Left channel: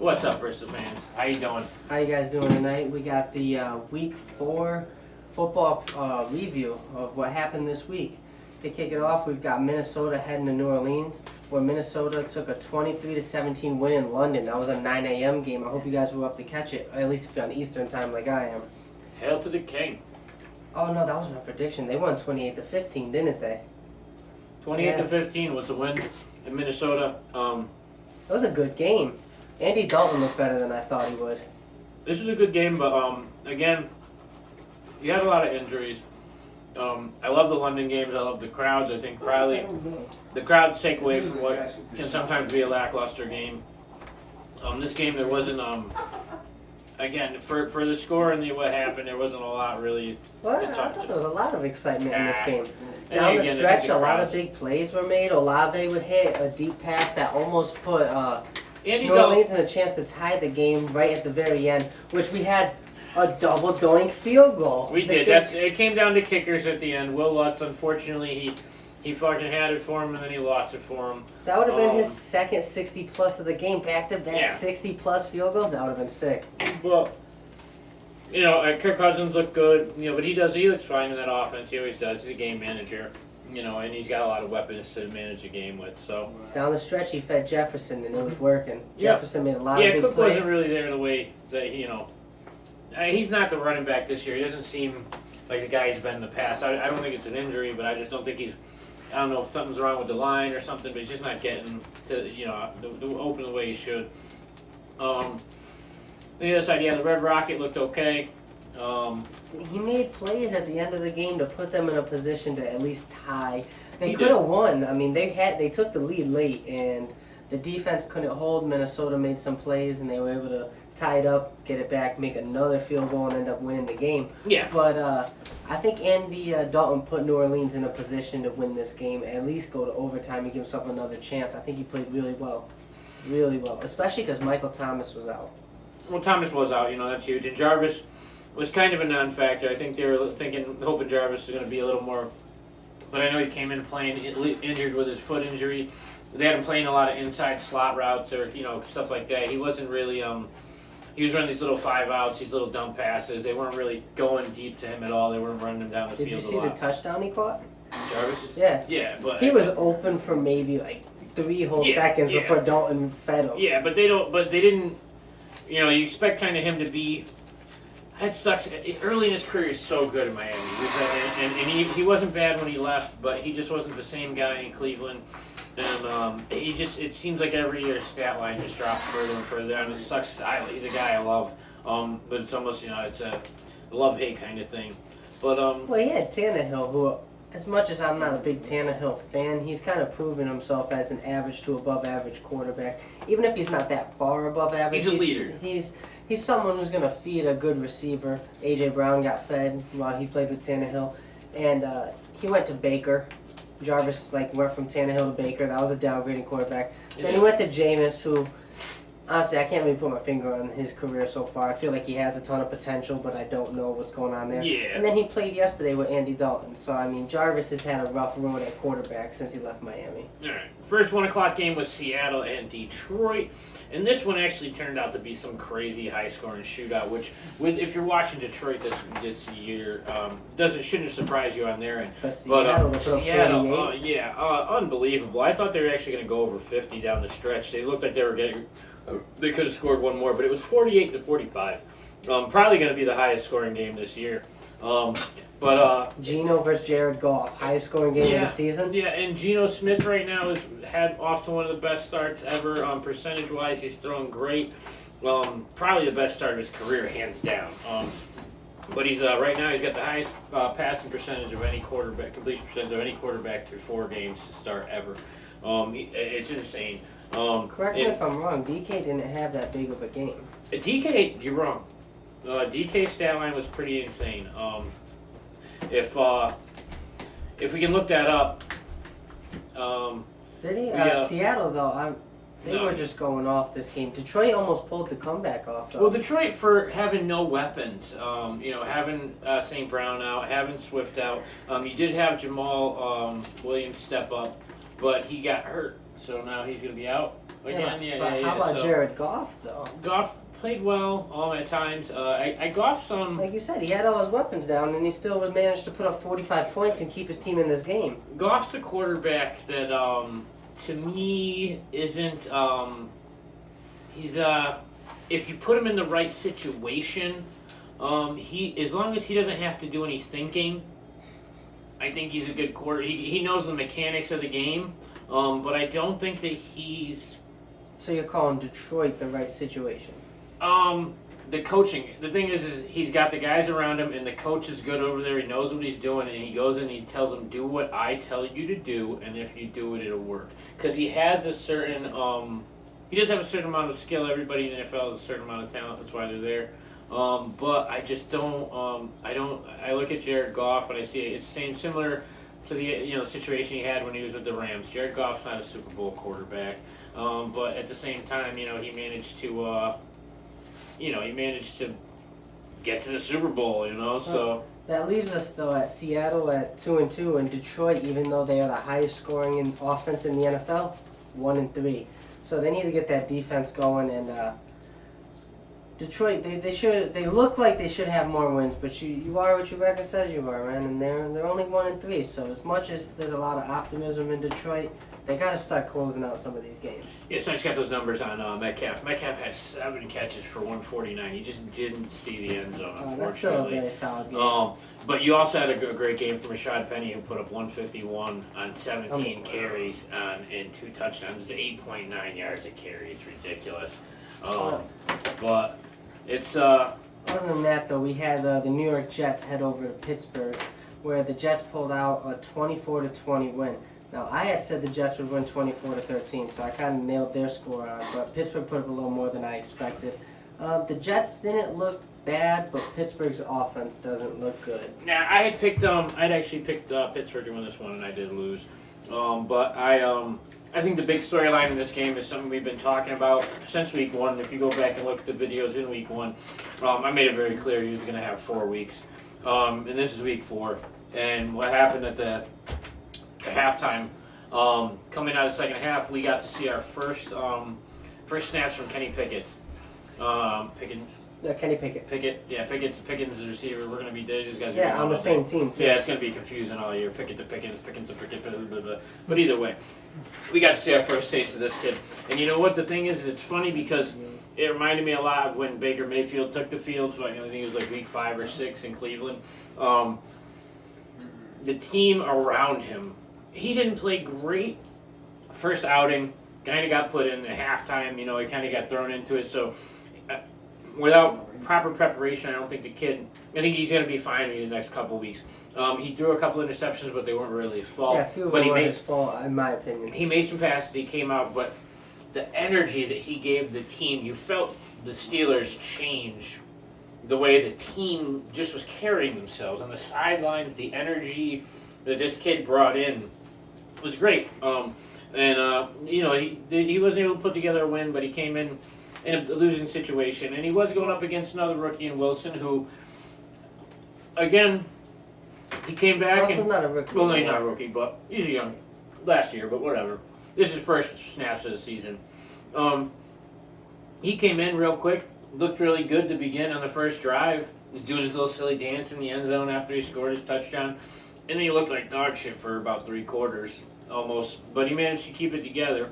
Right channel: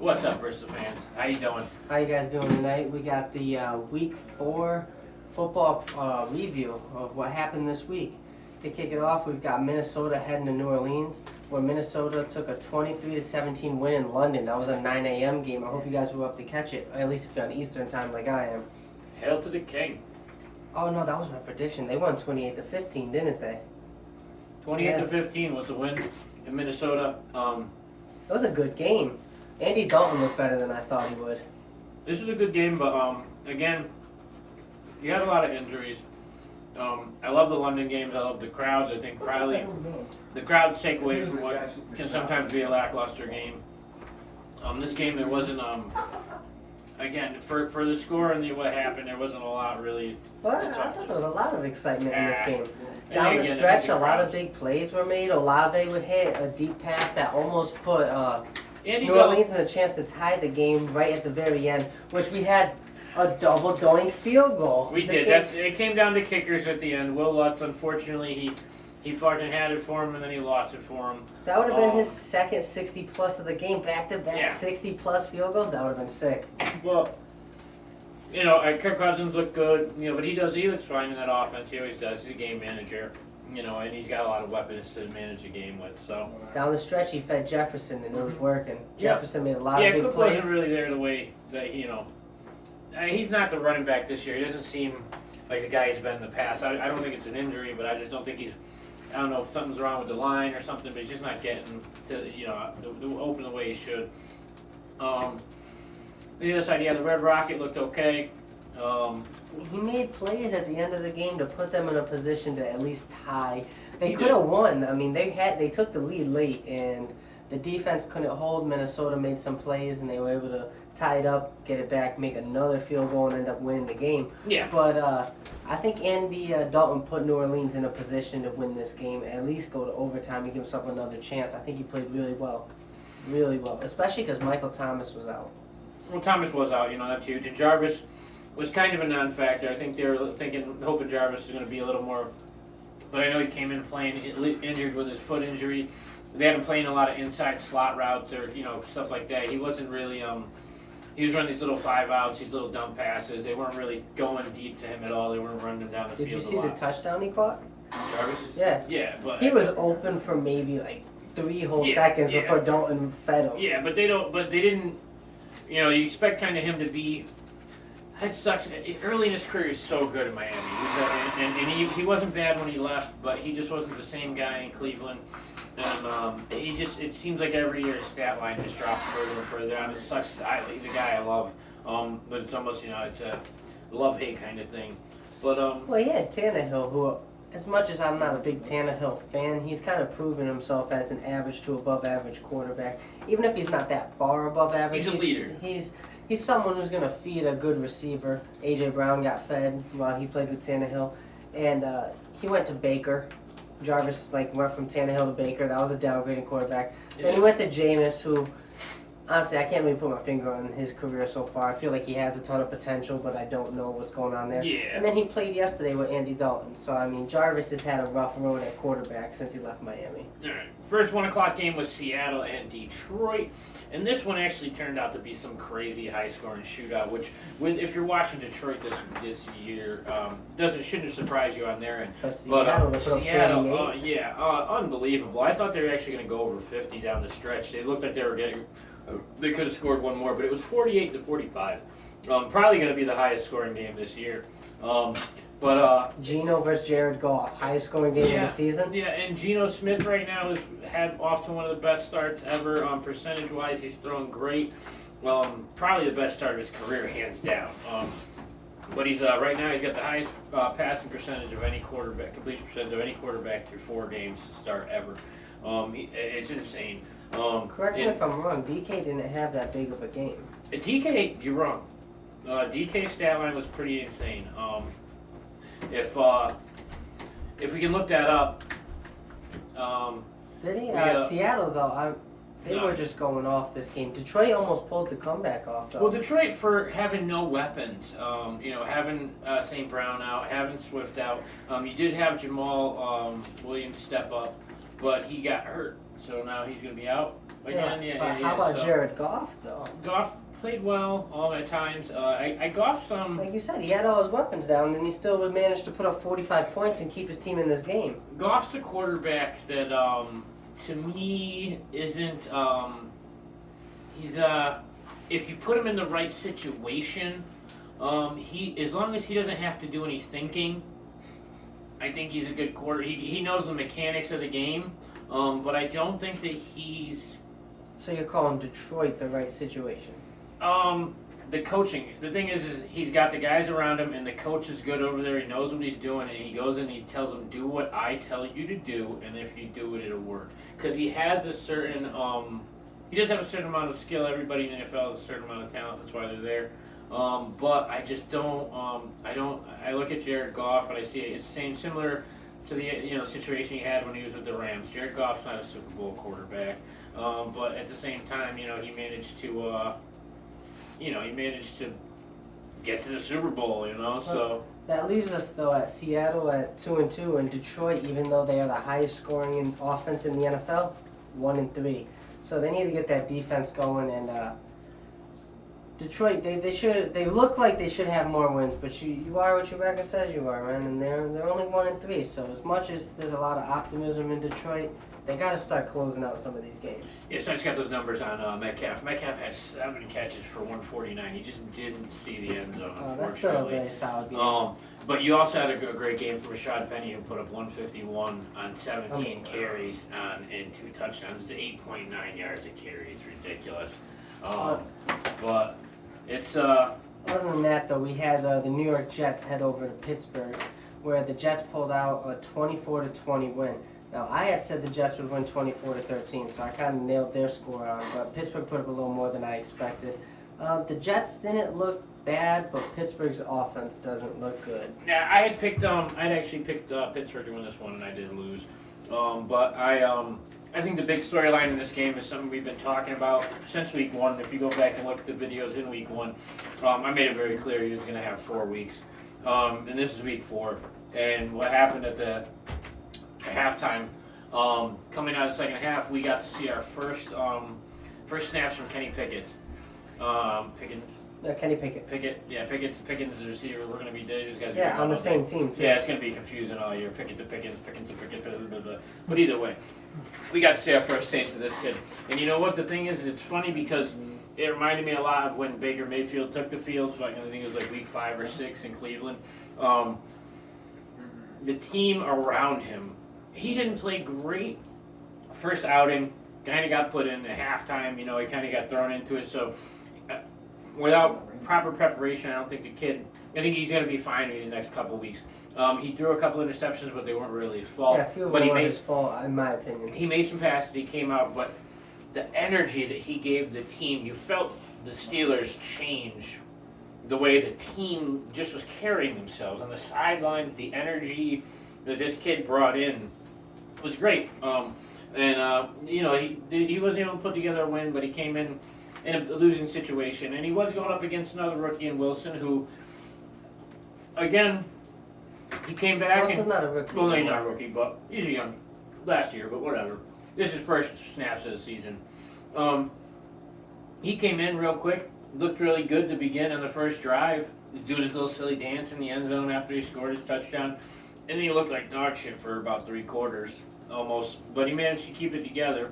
What's up, Bristol fans? How you doing? How you guys doing tonight? We got the Week 4 football review of what happened this week. To kick it off, we've got Minnesota heading to New Orleans, where Minnesota took a 23-17 win in London. That was a 9 a.m. game. I hope you guys were up to catch it, at least if you're on Eastern time like I am. Hail to the king. Oh no, that was my prediction. They won 28-15, didn't they? 28-15 was the win in Minnesota. It was a good game. Andy Dalton looked better than I thought he would. This was a good game, but again, you had a lot of injuries. I love the London games. I love the crowds. I think probably the crowds take away from what can sometimes be a lackluster game. This game, there wasn't, again, for the score and what happened, there wasn't a lot really. Well, I thought there was a lot of excitement in this game. And Down the again, stretch, the a lot crowds. of big plays were made. Olave would hit a deep pass that almost put Andy New Dalton. Orleans in a chance to tie the game right at the very end, which we had a double doink field goal. We This did. game- It came down to kickers at the end. Will Lutz, unfortunately, he fucking had it for him, and then he lost it for him. That would have been his second 60-plus of the game, back-to-back Yeah. 60-plus field goals. That would have been sick. Well, Kirk Cousins looked good, but he looks fine in that offense. He always does. He's a game manager, and he's got a lot of weapons to manage a game with. So Down the stretch, he fed Jefferson, and it was working. Yeah. Jefferson made a lot of yeah, big Cook plays. wasn't really there the way that he's not the running back this year. He doesn't seem like the guy he's been in the past. I don't think it's an injury, but I just don't think he's. I don't know if something's wrong with the line or something, but he's just not getting to the open the way he should. On the other side, the Red Rocket looked okay. He made plays at the end of the game to put them in a position to at least tie. They He could have won. I mean, they took the lead late, and the defense couldn't hold. Minnesota made some plays, and they were able to tie it up, get it back, make another field goal, and end up winning the game. Yeah. But I think Andy Dalton put New Orleans in a position to win this game, at least go to overtime and give himself another chance. I think he played really well, especially because Michael Thomas was out. Well, Thomas was out, that's huge. And Jarvis was kind of a non-factor. I think they were hoping Jarvis was going to be a little more. But I know he came in playing injured with his foot injury. They had him playing a lot of inside slot routes or, stuff like that. He wasn't really, he was running these little 5-outs, these little dump passes. They weren't really going deep to him at all. They weren't running him down the Did field you see a the lot. touchdown he caught? Jarvis? Yeah. Yeah, but He was open for maybe like 3 whole seconds before Dalton fed him. Yeah, but they didn't. You expect kind of him to be. That sucks. Early in his career, he's so good in Miami. He wasn't bad when he left, but he just wasn't the same guy in Cleveland. And it seems like every year his stat line just drops further and further down. It sucks. He's a guy I love, but it's almost it's a love-hate kind of thing. But Well, he had Tannehill, who, as much as I'm not a big Tannehill fan, he's kind of proven himself as an average to above average quarterback. Even if he's not that far above average, He's a leader. He's someone who's going to feed a good receiver. A.J. Brown got fed while he played with Tannehill. And he went to Baker. Jarvis went from Tannehill to Baker. That was a downgraded quarterback. Then he went to Jameis, who, honestly, I can't really put my finger on his career so far. I feel like he has a ton of potential, but I don't know what's going on there. Yeah. And then he played yesterday with Andy Dalton. So, I mean, Jarvis has had a rough road at quarterback since he left Miami. all right, first 1:00 game was Seattle and Detroit. And this one actually turned out to be some crazy high-scoring shootout, which, if you're watching Detroit this year, shouldn't surprise you on their end. But Seattle, Seattle, unbelievable. I thought they were actually going to go over 50 down the stretch. They looked like they could have scored one more, but it was 48-45. Probably going to be the highest scoring game this year. Geno versus Jared Goff, highest scoring game of the season. Yeah, and Geno Smith right now has had off to one of the best starts ever. Percentage-wise, he's throwing great. Probably the best start of his career, hands down. But he's right now he's got the highest passing percentage of any quarterback, completion percentage of any quarterback through 4 games to start ever. It's insane. Correct me if I'm wrong, DK didn't have that big of a game. DK, you're wrong. DK's stat line was pretty insane. If we can look that up. Did he? We, Seattle, though, they were just going off this game. Detroit almost pulled the comeback off, though. Well, Detroit, for having no weapons, having St. Brown out, having Swift out, you did have Jamal Williams step up, but he got hurt. so now he's going to be out again. But how about so Jared Goff though? Goff played well at times. I Goff some. Like you said, he had all his weapons down, and he still was managed to put up 45 points and keep his team in this game. Goff's a quarterback that to me isn't. He's if you put him in the right situation, he as long as he doesn't have to do any thinking, I think he's a good quarter. He knows the mechanics of the game, but I don't think that he's. So you're calling Detroit the right situation? The coaching. The thing is he's got the guys around him, and the coach is good over there. He knows what he's doing, and he goes in and he tells them, "Do what I tell you to do, and if you do it, it'll work." Because he has a certain. He does have a certain amount of skill. Everybody in the NFL has a certain amount of talent. That's why they're there. But I just don't. I look at Jared Goff and I see it's similar to the situation he had when he was with the Rams. Jared Goff's not a Super Bowl quarterback, but at the same time, he managed to. He managed to get to the Super Bowl. So. That leaves us though at Seattle at 2-2, and Detroit, even though they are the highest scoring in offense in the NFL, 1-3. So they need to get that defense going, and Detroit, they look like they should have more wins, but you are what your record says you are, man, and they're only 1-3. So as much as there's a lot of optimism in Detroit, they got to start closing out some of these games. Yeah, so I just got those numbers on Metcalf. Metcalf had 7 catches for 149. He just didn't see the end zone, unfortunately. That's still a very solid game. But you also had a great game from Rashad Penny, who put up 151 on 17 carries and 2 touchdowns. It's 8.9 yards a carry. It's ridiculous. But it's... Other than that, though, we had the New York Jets head over to Pittsburgh, where the Jets pulled out a 24-20 win. Now, I had said the Jets would win 24-13, so I kind of nailed their score on, but Pittsburgh put up a little more than I expected. The Jets didn't look bad, but Pittsburgh's offense doesn't look good. Yeah, I'd actually picked Pittsburgh to win this one, and I did lose. But I think the big storyline in this game is something we've been talking about since week 1. If you go back and look at the videos in week 1, I made it very clear he was going to have 4 weeks. And this is week 4. And what happened at the halftime, coming out of the second half, we got to see our first snaps from Kenny Pickett. Kenny Pickett. Pickett's the receiver. We're gonna be these guys. Yeah, on the same team too. Yeah, it's gonna be confusing all year. Pickett to Pickens, Pickens to Pickett, blah, blah, blah. But either way, we got to see our first taste of this kid. And you know what? The thing is it's funny because it reminded me a lot of when Baker Mayfield took the field. So I think it was like week 5 or 6 in Cleveland. The team around him. He didn't play great first outing. Kind of got put in at halftime. He kind of got thrown into it. So without proper preparation, I think he's going to be fine in the next couple of weeks. He threw a couple interceptions, but they weren't really his fault. Yeah, a few of them were his fault, in my opinion. He made some passes. He came out, but the energy that he gave the team, you felt the Steelers change the way the team just was carrying themselves on the sidelines. The energy that this kid brought in was great. He wasn't able to put together a win, but he came in a losing situation, and he was going up against another rookie in Wilson, who, again, he came back. Wilson's not a rookie. Well, he's not a rookie, but he's a young last year, but whatever. This is his first snaps of the season. He came in real quick, looked really good to begin on the first drive. He's doing his little silly dance in the end zone after he scored his touchdown. And then he looked like dog shit for about 3 quarters, almost. But he managed to keep it together.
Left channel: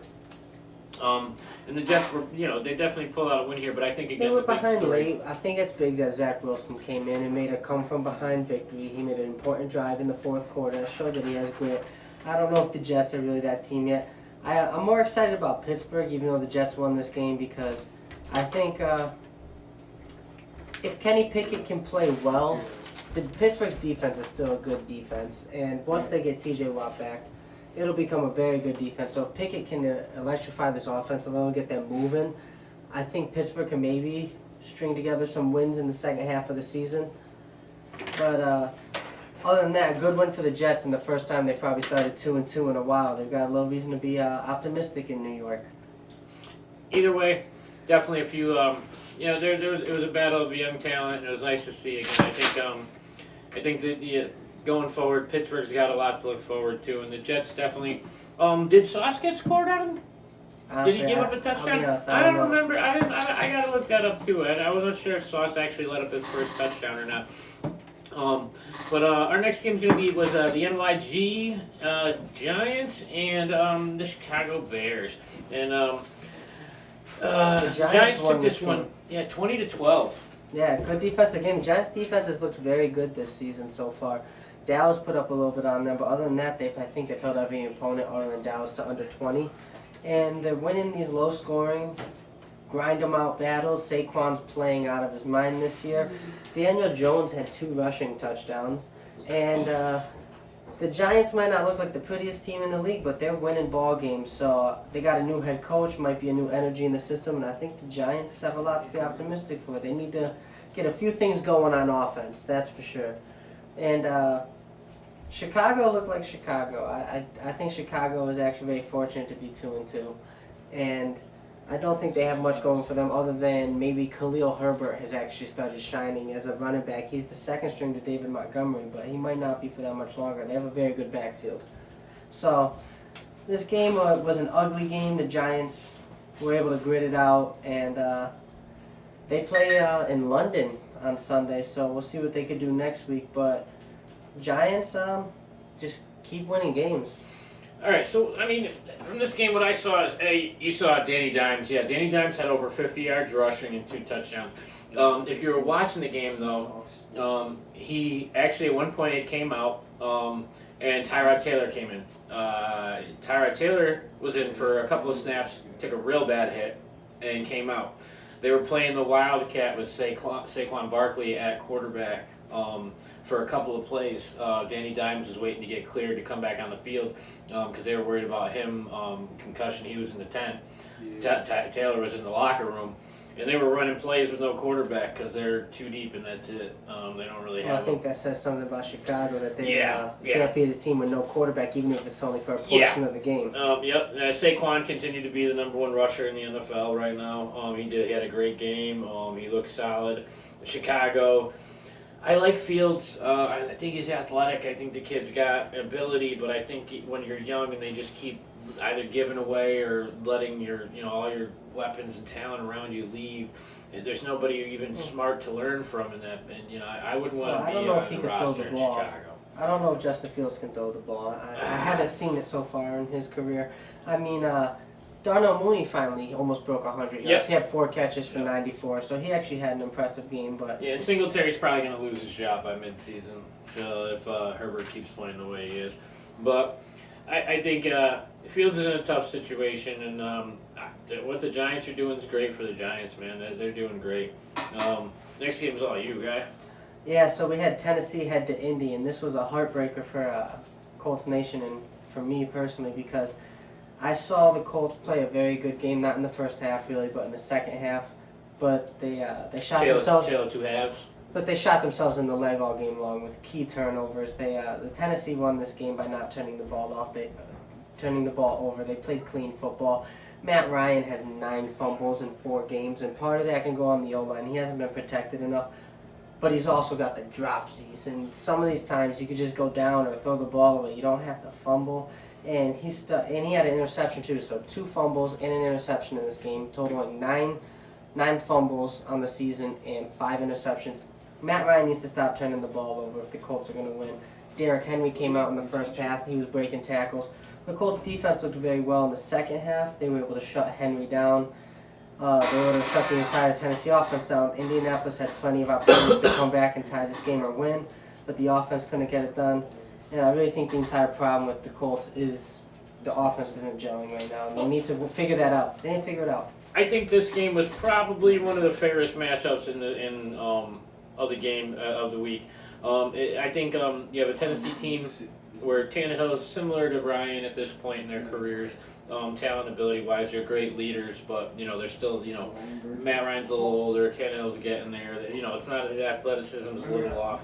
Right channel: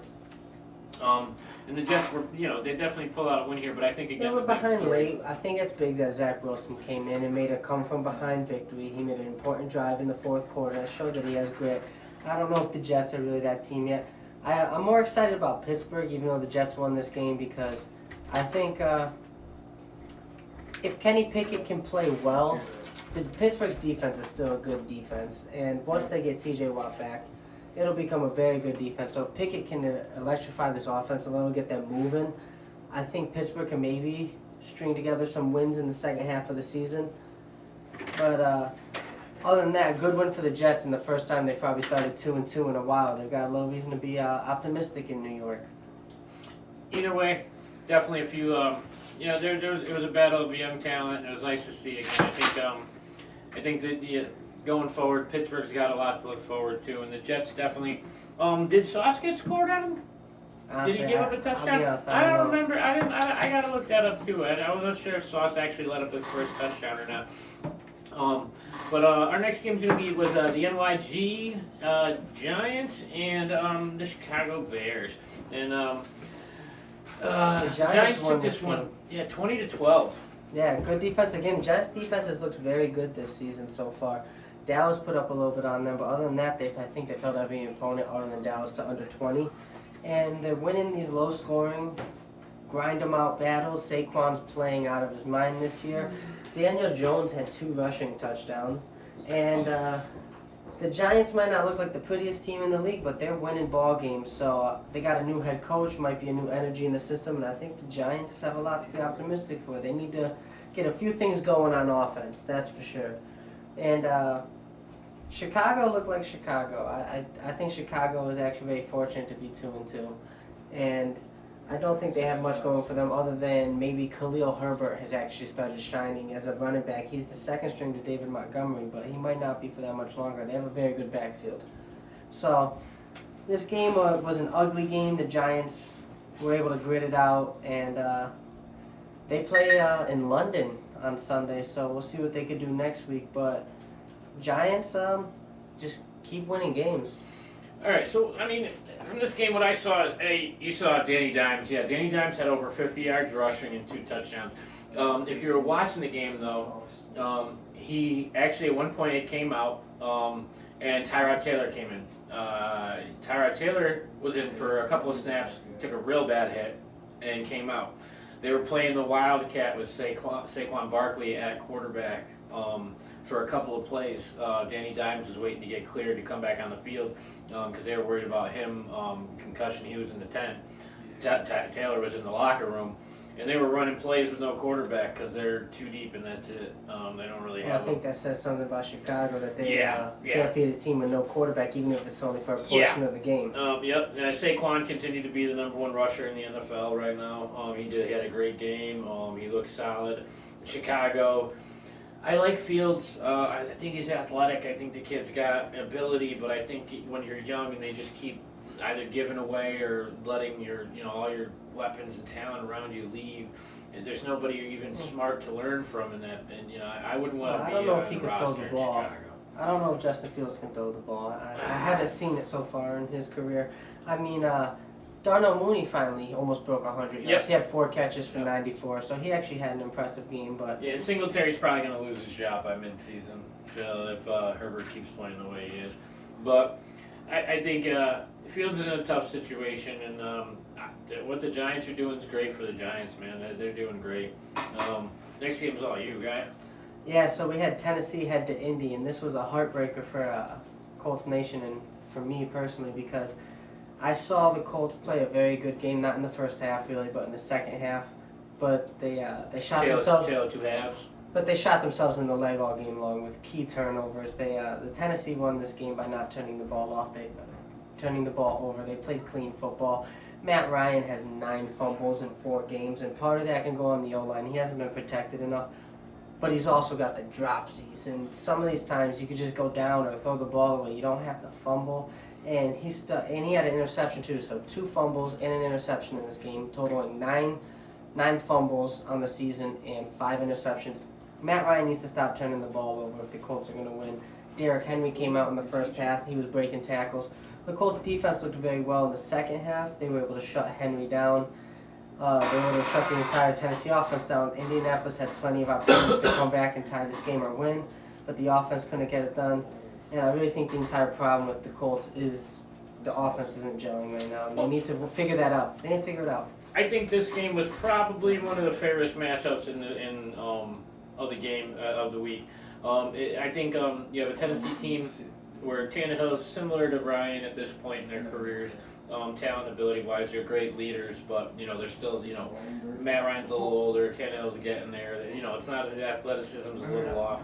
And the Jets were, they definitely pulled out a win here, but I think again, they were behind late. I think it's big that Zach Wilson came in and made a come-from-behind victory. He made an important drive in the 4th quarter, showed that he has grit. I don't know if the Jets are really that team yet. I'm more excited about Pittsburgh, even though the Jets won this game, because I think if Kenny Pickett can play well, Pittsburgh's defense is still a good defense, and once they get T.J. Watt back, it'll become a very good defense. So if Pickett can electrify this offense a little, get them moving, I think Pittsburgh can maybe string together some wins in the second half of the season. But other than that, good win for the Jets, and the first time they probably started 2-2 in a while. They've got a little reason to be optimistic in New York. Either way, definitely a few. It was a battle of young talent, and it was nice to see again. I think that going forward, Pittsburgh's got a lot to look forward to, and the Jets definitely Did Sauce get scored on him? Honestly, Did he give up a I'll touchdown? be honest, I don't know. remember. I gotta look that up too. I wasn't sure if Sauce actually let up his first touchdown or not. But our next game's gonna be with the NYG Giants and the Chicago Bears. And The Giants won took this one, game. yeah, 20-12. Yeah, good defense again. Giants defense has looked very good this season so far. Dallas put up a little bit on them, but other than that, I think they've held every opponent other than Dallas to under 20. And they're winning these low-scoring, grind-them-out battles. Saquon's playing out of his mind this year. Daniel Jones had 2 rushing touchdowns. And the Giants might not look like the prettiest team in the league, but they're winning ball games. So they got a new head coach, might be a new energy in the system, and I think the Giants have a lot to be optimistic for. They need to get a few things going on offense, that's for sure. And Chicago looked like Chicago. I think Chicago is actually very fortunate to be 2-2, and I don't think they have much going for them other than maybe Khalil Herbert has actually started shining as a running back. He's the second string to David Montgomery, but he might not be for that much longer. They have a very good backfield. So this game was an ugly game. The Giants were able to grit it out, and they play in London on Sunday, so we'll see what they could do next week. But Giants just keep winning games. All right, so, I mean, from this game, what I saw is, you saw Danny Dimes. Yeah, Danny Dimes had over 50 yards rushing and 2 touchdowns. If you were watching the game, though, he actually at one point it came out, and Tyrod Taylor came in. Tyrod Taylor was in for a couple of snaps, took a real bad hit, and came out. They were playing the Wildcat with Saquon Barkley at quarterback. For a couple of plays, Danny Dimes was waiting to get cleared to come back on the field because they were worried about him, concussion. He was in the tent. Taylor was in the locker room, and they were running plays with no quarterback because they're too deep and that's it. They don't really have. I think that says something about Chicago that they Yeah. can't beat a team with no quarterback, even if it's only for a portion of the game. Yep. Saquon continued to be the #1 rusher in the NFL right now. He had a great game. He looked solid. Chicago. I like Fields. I think he's athletic. I think the kid's got ability, but I think when you're young and they just keep either giving away or letting all your weapons and talent around you leave, and there's nobody even smart to learn from in that. And I wouldn't want to be I don't know if on he the can throw roster the in ball. Chicago. I don't know if Justin Fields can throw the ball. I haven't seen it so far in his career. I mean, Darnell Mooney finally almost broke 100 yards. Yep. He had 4 catches for 94, so he actually had an impressive game. But Yeah, and Singletary's probably going to lose his job by midseason. So if Herbert keeps playing the way he is, but I think Fields is in a tough situation, and what the Giants are doing is great for the Giants, man. They're doing great. Next game's all you, guy. yeah, so we had Tennessee head to Indy, and this was a heartbreaker for Colts Nation and for me personally because I saw the Colts play a very good game, not in the first half really, but in the second half. But they shot themselves. Tail 2 halves. But they shot themselves in the leg all game long with key turnovers. The Tennessee won this game by not turning the ball off. Turning the ball over. They played clean football. Matt Ryan has 9 fumbles in 4 games, and part of that can go on the O-line. He hasn't been protected enough, but he's also got the dropsies. And some of these times you could just go down or throw the ball away. You don't have to fumble. And he had an interception too, so 2 fumbles and an interception in this game, totaling 9 fumbles on the season and 5 interceptions. Matt Ryan needs to stop turning the ball over if the Colts are going to win. Derrick Henry came out in the first half. He was breaking tackles. The Colts defense looked very well in the second half. They were able to shut Henry down. They were able to shut the entire Tennessee offense down. Indianapolis had plenty of opportunities to come back and tie this game or win, but the offense couldn't get it done. And I really think the entire problem with the Colts is the offense isn't gelling right now. And they need to figure that out. They didn't figure it out. I think this game was probably one of the fairest matchups of the game of the week. I think you have a Tennessee team where Tannehill is similar to Ryan at this point in their careers. Talent, ability-wise, they're great leaders, but they're still Matt Ryan's a little older, Tannehill's getting there. It's not the athleticism's a little off.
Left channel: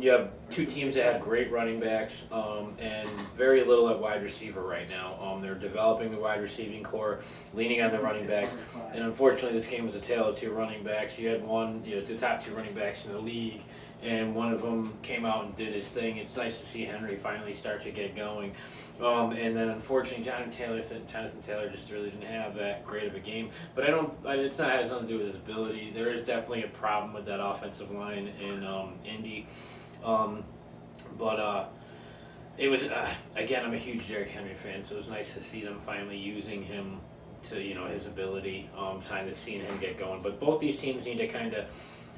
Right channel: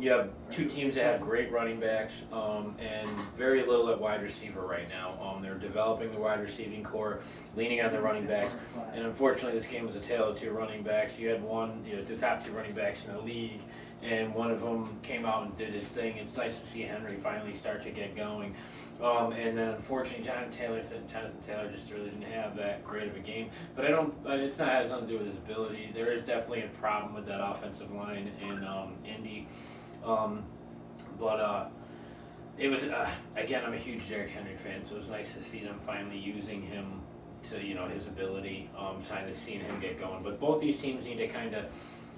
You have 2 teams that have great running backs and very little at wide receiver right now. They're developing the wide receiving core, leaning on the running backs, and unfortunately, this game was a tale of 2 running backs. You had the top 2 running backs in the league. and one of them came out and did his thing. It's nice to see Henry finally start to get going. And then unfortunately, Jonathan Taylor just really didn't have that great of a game. But it's not has nothing to do with his ability. There is definitely a problem with that offensive line in Indy. It was again, I'm a huge Derrick Henry fan, so it was nice to see them finally using him to his ability. Kind of seeing him get going. But both these teams need to kind of.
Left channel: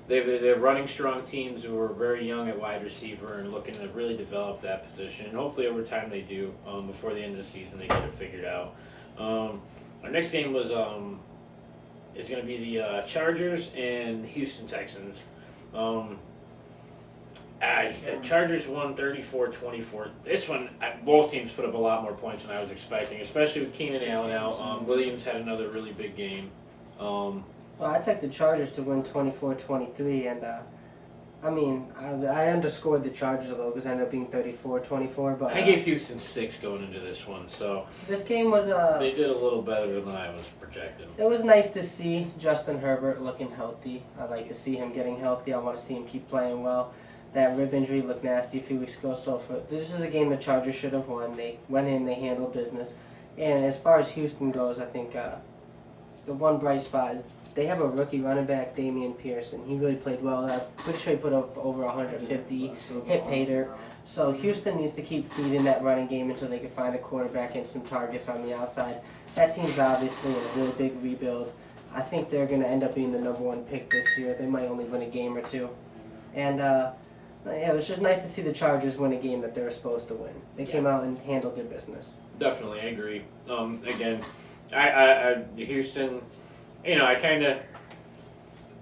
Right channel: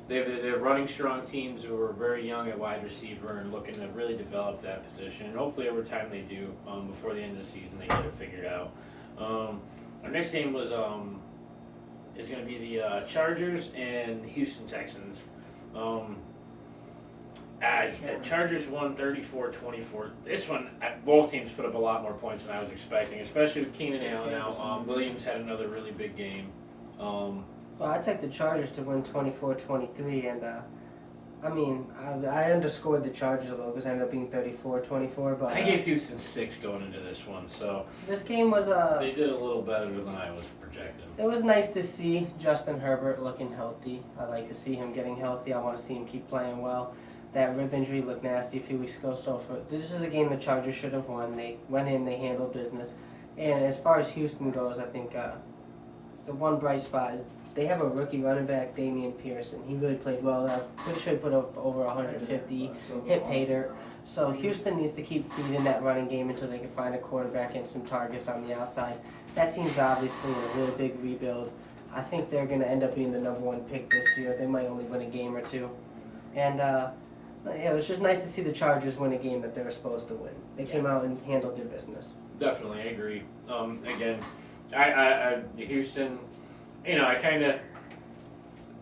They're running strong teams who are very young at wide receiver and looking to really develop that position. And hopefully over time they do. Before the end of the season they get it figured out. Our next game is going to be the Chargers and Houston Texans. Chargers won 34-24. This one, both teams put up a lot more points than I was expecting, especially with Keenan Allen out. Williams had another really big game. Well, I took the Chargers to win 24-23, and I underscored the Chargers a little because it ended up being 34-24. But I gave Houston 6 going into this one, so this game was they did a little better than I was projecting. It was nice to see Justin Herbert looking healthy. I like to see him getting healthy. I want to see him keep playing well. That rib injury looked nasty a few weeks ago, so this is a game the Chargers should have won. They went in, they handled business. And as far as Houston goes, I think the one bright spot is they have a rookie running back, Damian Pearson. He really played well. I'm pretty sure he put up over 150, hit pay dirt. So Houston needs to keep feeding that running game until they can find a quarterback and some targets on the outside. That team's obviously in a really big rebuild. I think they're going to end up being the #1 pick this year. They might only win a game or two. And it was just nice to see the Chargers win a game that they were supposed to win. They came out and handled their business. Definitely, I agree. Again, I Houston, I kind of,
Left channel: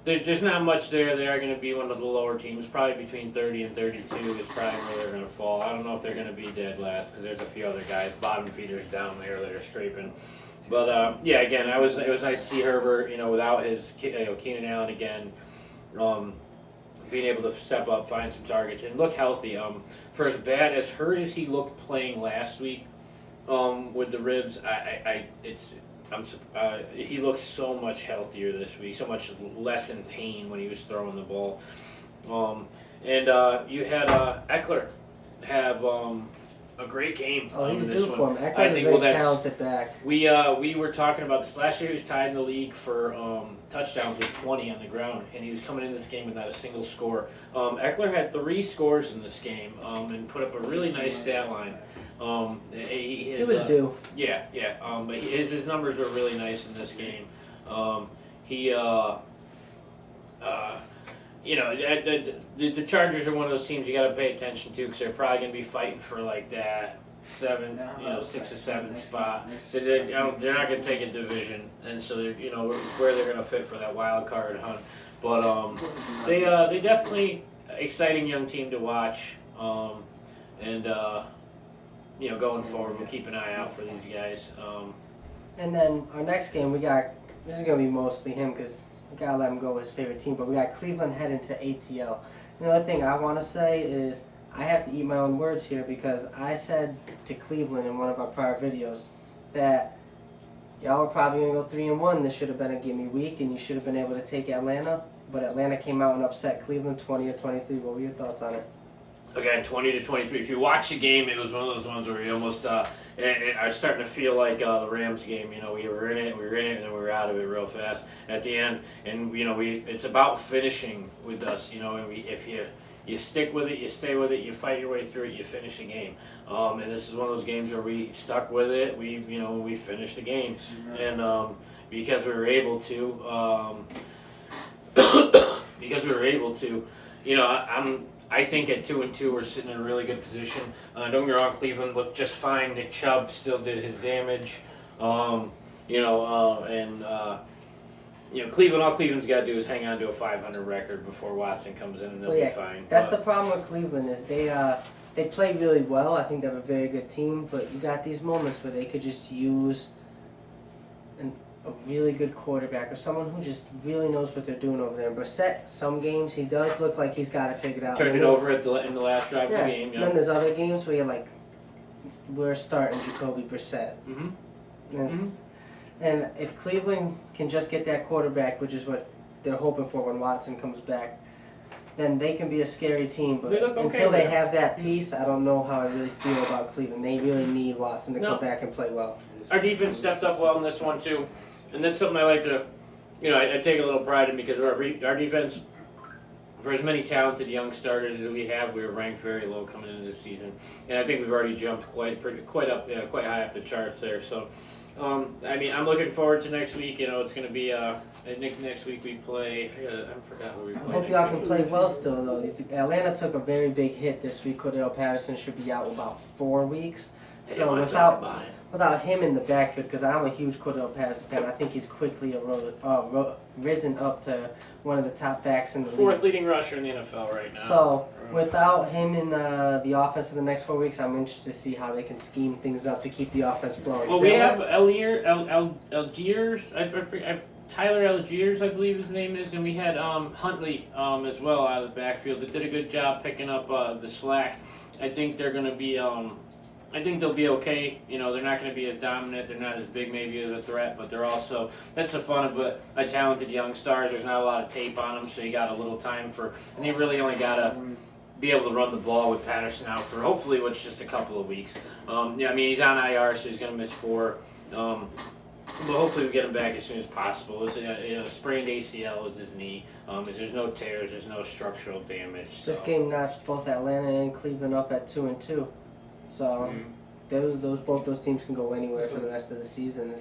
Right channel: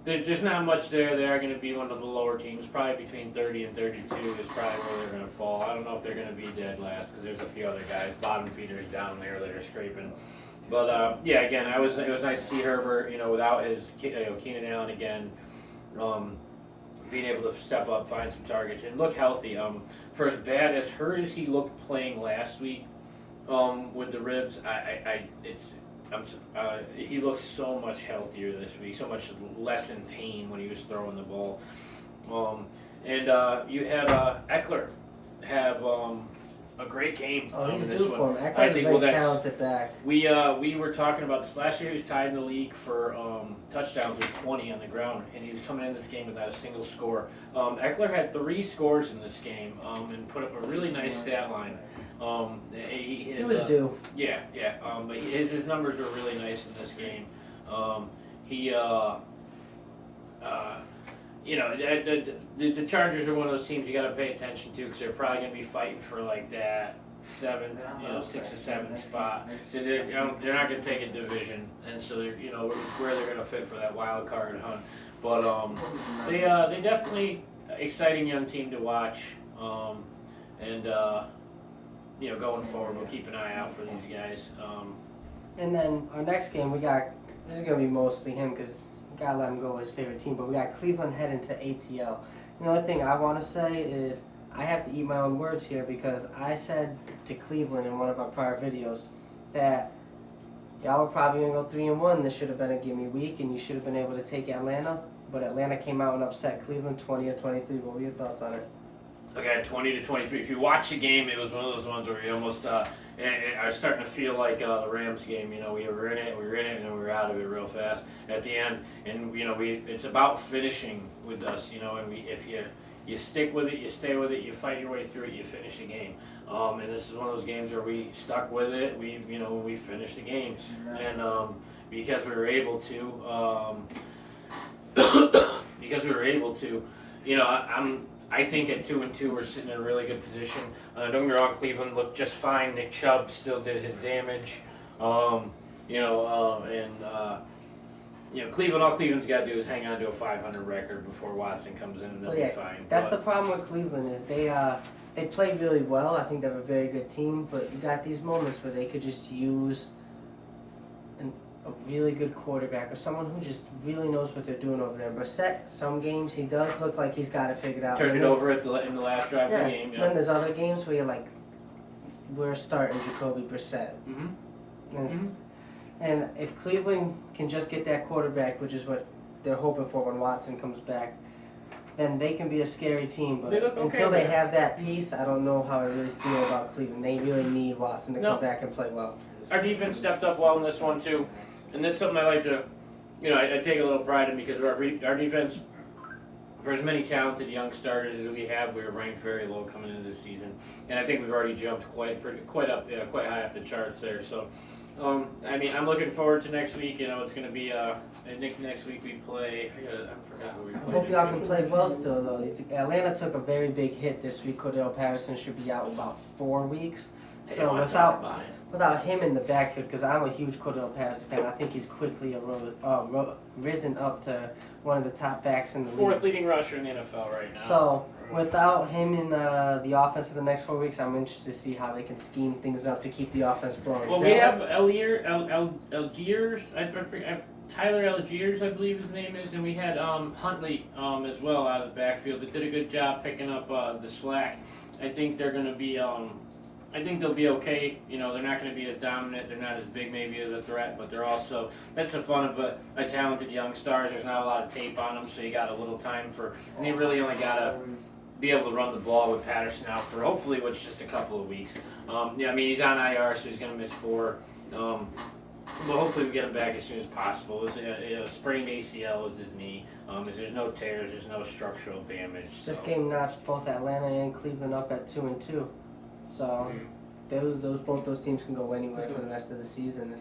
there's not much there. They are going to be one of the lower teams, probably between 30 and 32 is probably where they're going to fall. I don't know if they're going to be dead last because there's a few other guys, bottom feeders down there that are scraping. But again, it was nice to see Herbert, without his Keenan Allen again, being able to step up, find some targets, and look healthy. For as bad as hurt as he looked playing last week, with the ribs, he looked so much healthier this week, so much less in pain when he was throwing the ball. You had Eckler have a great game. Oh, he's this due one. for him. Eckler's a very talented back. We were talking about this last year. He was tied in the league for touchdowns with 20 on the ground, and he was coming in this game without a single score. Eckler had 3 scores in this game and put up a really nice stat line. He was due. Yeah. But his numbers were really nice in this game. The Chargers are one of those teams you got to pay attention to because they're probably going to be fighting for like that 7th, 6th or 7th spot. So they're not going to take a division, and so they're, where they're going to fit for that wild card hunt. But they definitely exciting young team to watch, going forward, we'll keep an eye out for these guys. And then our next game, this is going to be mostly him because we got to let him go his favorite team, but we got Cleveland heading to ATL. The only thing I want to say is I have to eat my own words here because I said to Cleveland in one of our prior videos that y'all were probably going to go 3-1. This should have been a gimme week, and you should have been able to take Atlanta. But Atlanta came out and upset Cleveland 20-23. What were your thoughts on it? Again, 20-23. If you watch the game, it was one of those ones where you almost. I was starting to feel like the Rams game. We were in it, and then we were out of it real fast at the end. And it's about finishing with us. And if you stick with it, you stay with it, you fight your way through it, you finish the game. And this is one of those games where we stuck with it. We finished the game, and because we were able to, I think at 2-2 we're sitting in a really good position. Don't get me wrong, Cleveland looked just fine. Nick Chubb still did his damage. Cleveland, all Cleveland's got to do is hang on to a 500 record before Watson comes in, and they'll be fine. That's the problem with Cleveland is they play really well. I think they have a very good team, but you got these moments where they could just use a really good quarterback or someone who just really knows what they're doing over there. Brissett, some games he does look like he's got it figured out. Turned it over in the last drive of the game. Yeah. Then there's other games where you're like, we're starting Jacoby Brissett. Mm-hmm. And if Cleveland can just get that quarterback, which is what they're hoping for when Watson comes back, then they can be a scary team. But They look okay until they there. have that piece, I don't know how I really feel about Cleveland. They really need Watson to No. come back and play well. Our defense stepped up well in this one too, and that's something I like to, I take a little pride in because our defense, for as many talented young starters as we have, we were ranked very low coming into the season, and I think we've already jumped quite high up the charts there. So, I'm looking forward to next week. It's going to be I think next week we play. I forgot who we I play. hope y'all can play well still, though. Atlanta took a very big hit this week. Cordell Patterson should be out about 4 weeks. I So want to talk about it. without him in the backfield, because I'm a huge Cordell Patterson fan, I think he's quickly risen up to one of the top backs in the Fourth league. leading rusher in the NFL right now. So without him in the offense for the next 4 weeks, I'm interested to see how they can scheme things up to keep the offense flowing. Well, we have Algiers. Tyler Algiers, I believe his name is, and we had Huntley as well out of the backfield that did a good job picking up the slack. I think they're going to be. I think they'll be okay. They're not going to be as dominant. They're not as big, maybe, as a threat, but they're also. That's the fun of a talented young stars. There's not a lot of tape on them, so you got a little time and they really only got to be able to run the ball with Patterson out for hopefully what's just a couple of weeks. He's on IR, so he's going to miss 4. But hopefully we get him back as soon as possible. It's a sprained ACL with his knee. There's no tears, there's no structural damage. This so. game notched both Atlanta and Cleveland up at 2-2. So both those teams can go anywhere for the rest of the season.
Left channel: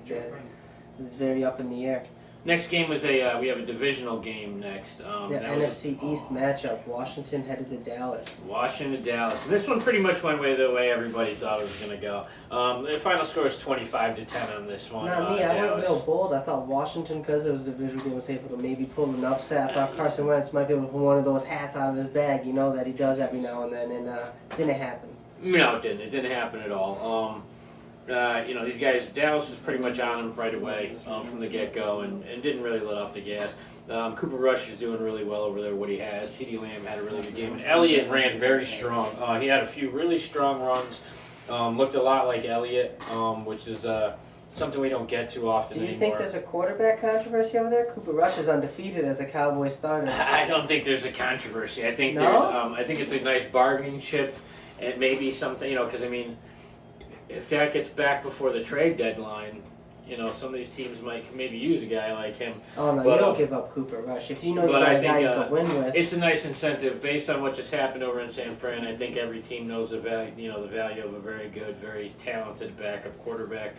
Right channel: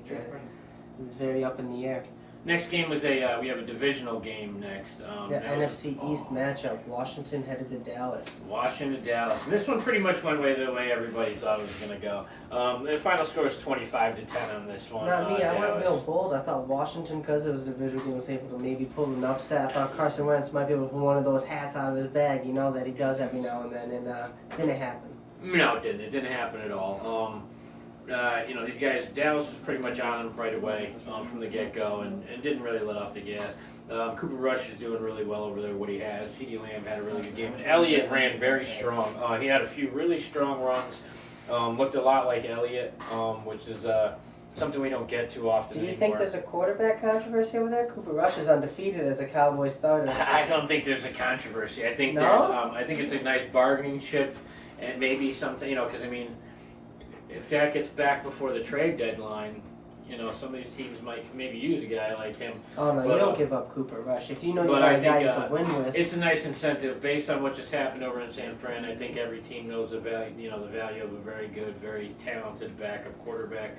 It's very up in the air. Next game was we have a divisional game next. The that NFC East matchup, Washington headed to Dallas. Washington, Dallas. And this one pretty much went the way everybody thought it was going to go. The final score is 25-10 on this one. Not me. I went Dallas. real bold. I thought Washington, because it was a divisional game, was able to maybe pull an upset. I thought Carson Wentz might be able to pull one of those hats out of his bag, that he does every now and then, and didn't happen. No, it didn't. It didn't happen at all. These guys, Dallas was pretty much on them right away from the get-go and didn't really let off the gas. Cooper Rush is doing really well over there, what he has. CeeDee Lamb had a really good game. And Elliott ran very strong. He had a few really strong runs. Looked a lot like Elliott, which is something we don't get too often Do you anymore. think there's a quarterback controversy over there? Cooper Rush is undefeated as a Cowboy starter. I don't think there's a controversy. I think No? I think it's a nice bargaining chip and maybe something, because if Dak gets back before the trade deadline, some of these teams might maybe use a guy like him. Oh, no, But, you don't give up Cooper Rush. If you know you but got I a guy think, you can win with. It's a nice incentive based on what just happened over in San Fran. I think every team knows the value, the value of a very good, very talented backup quarterback.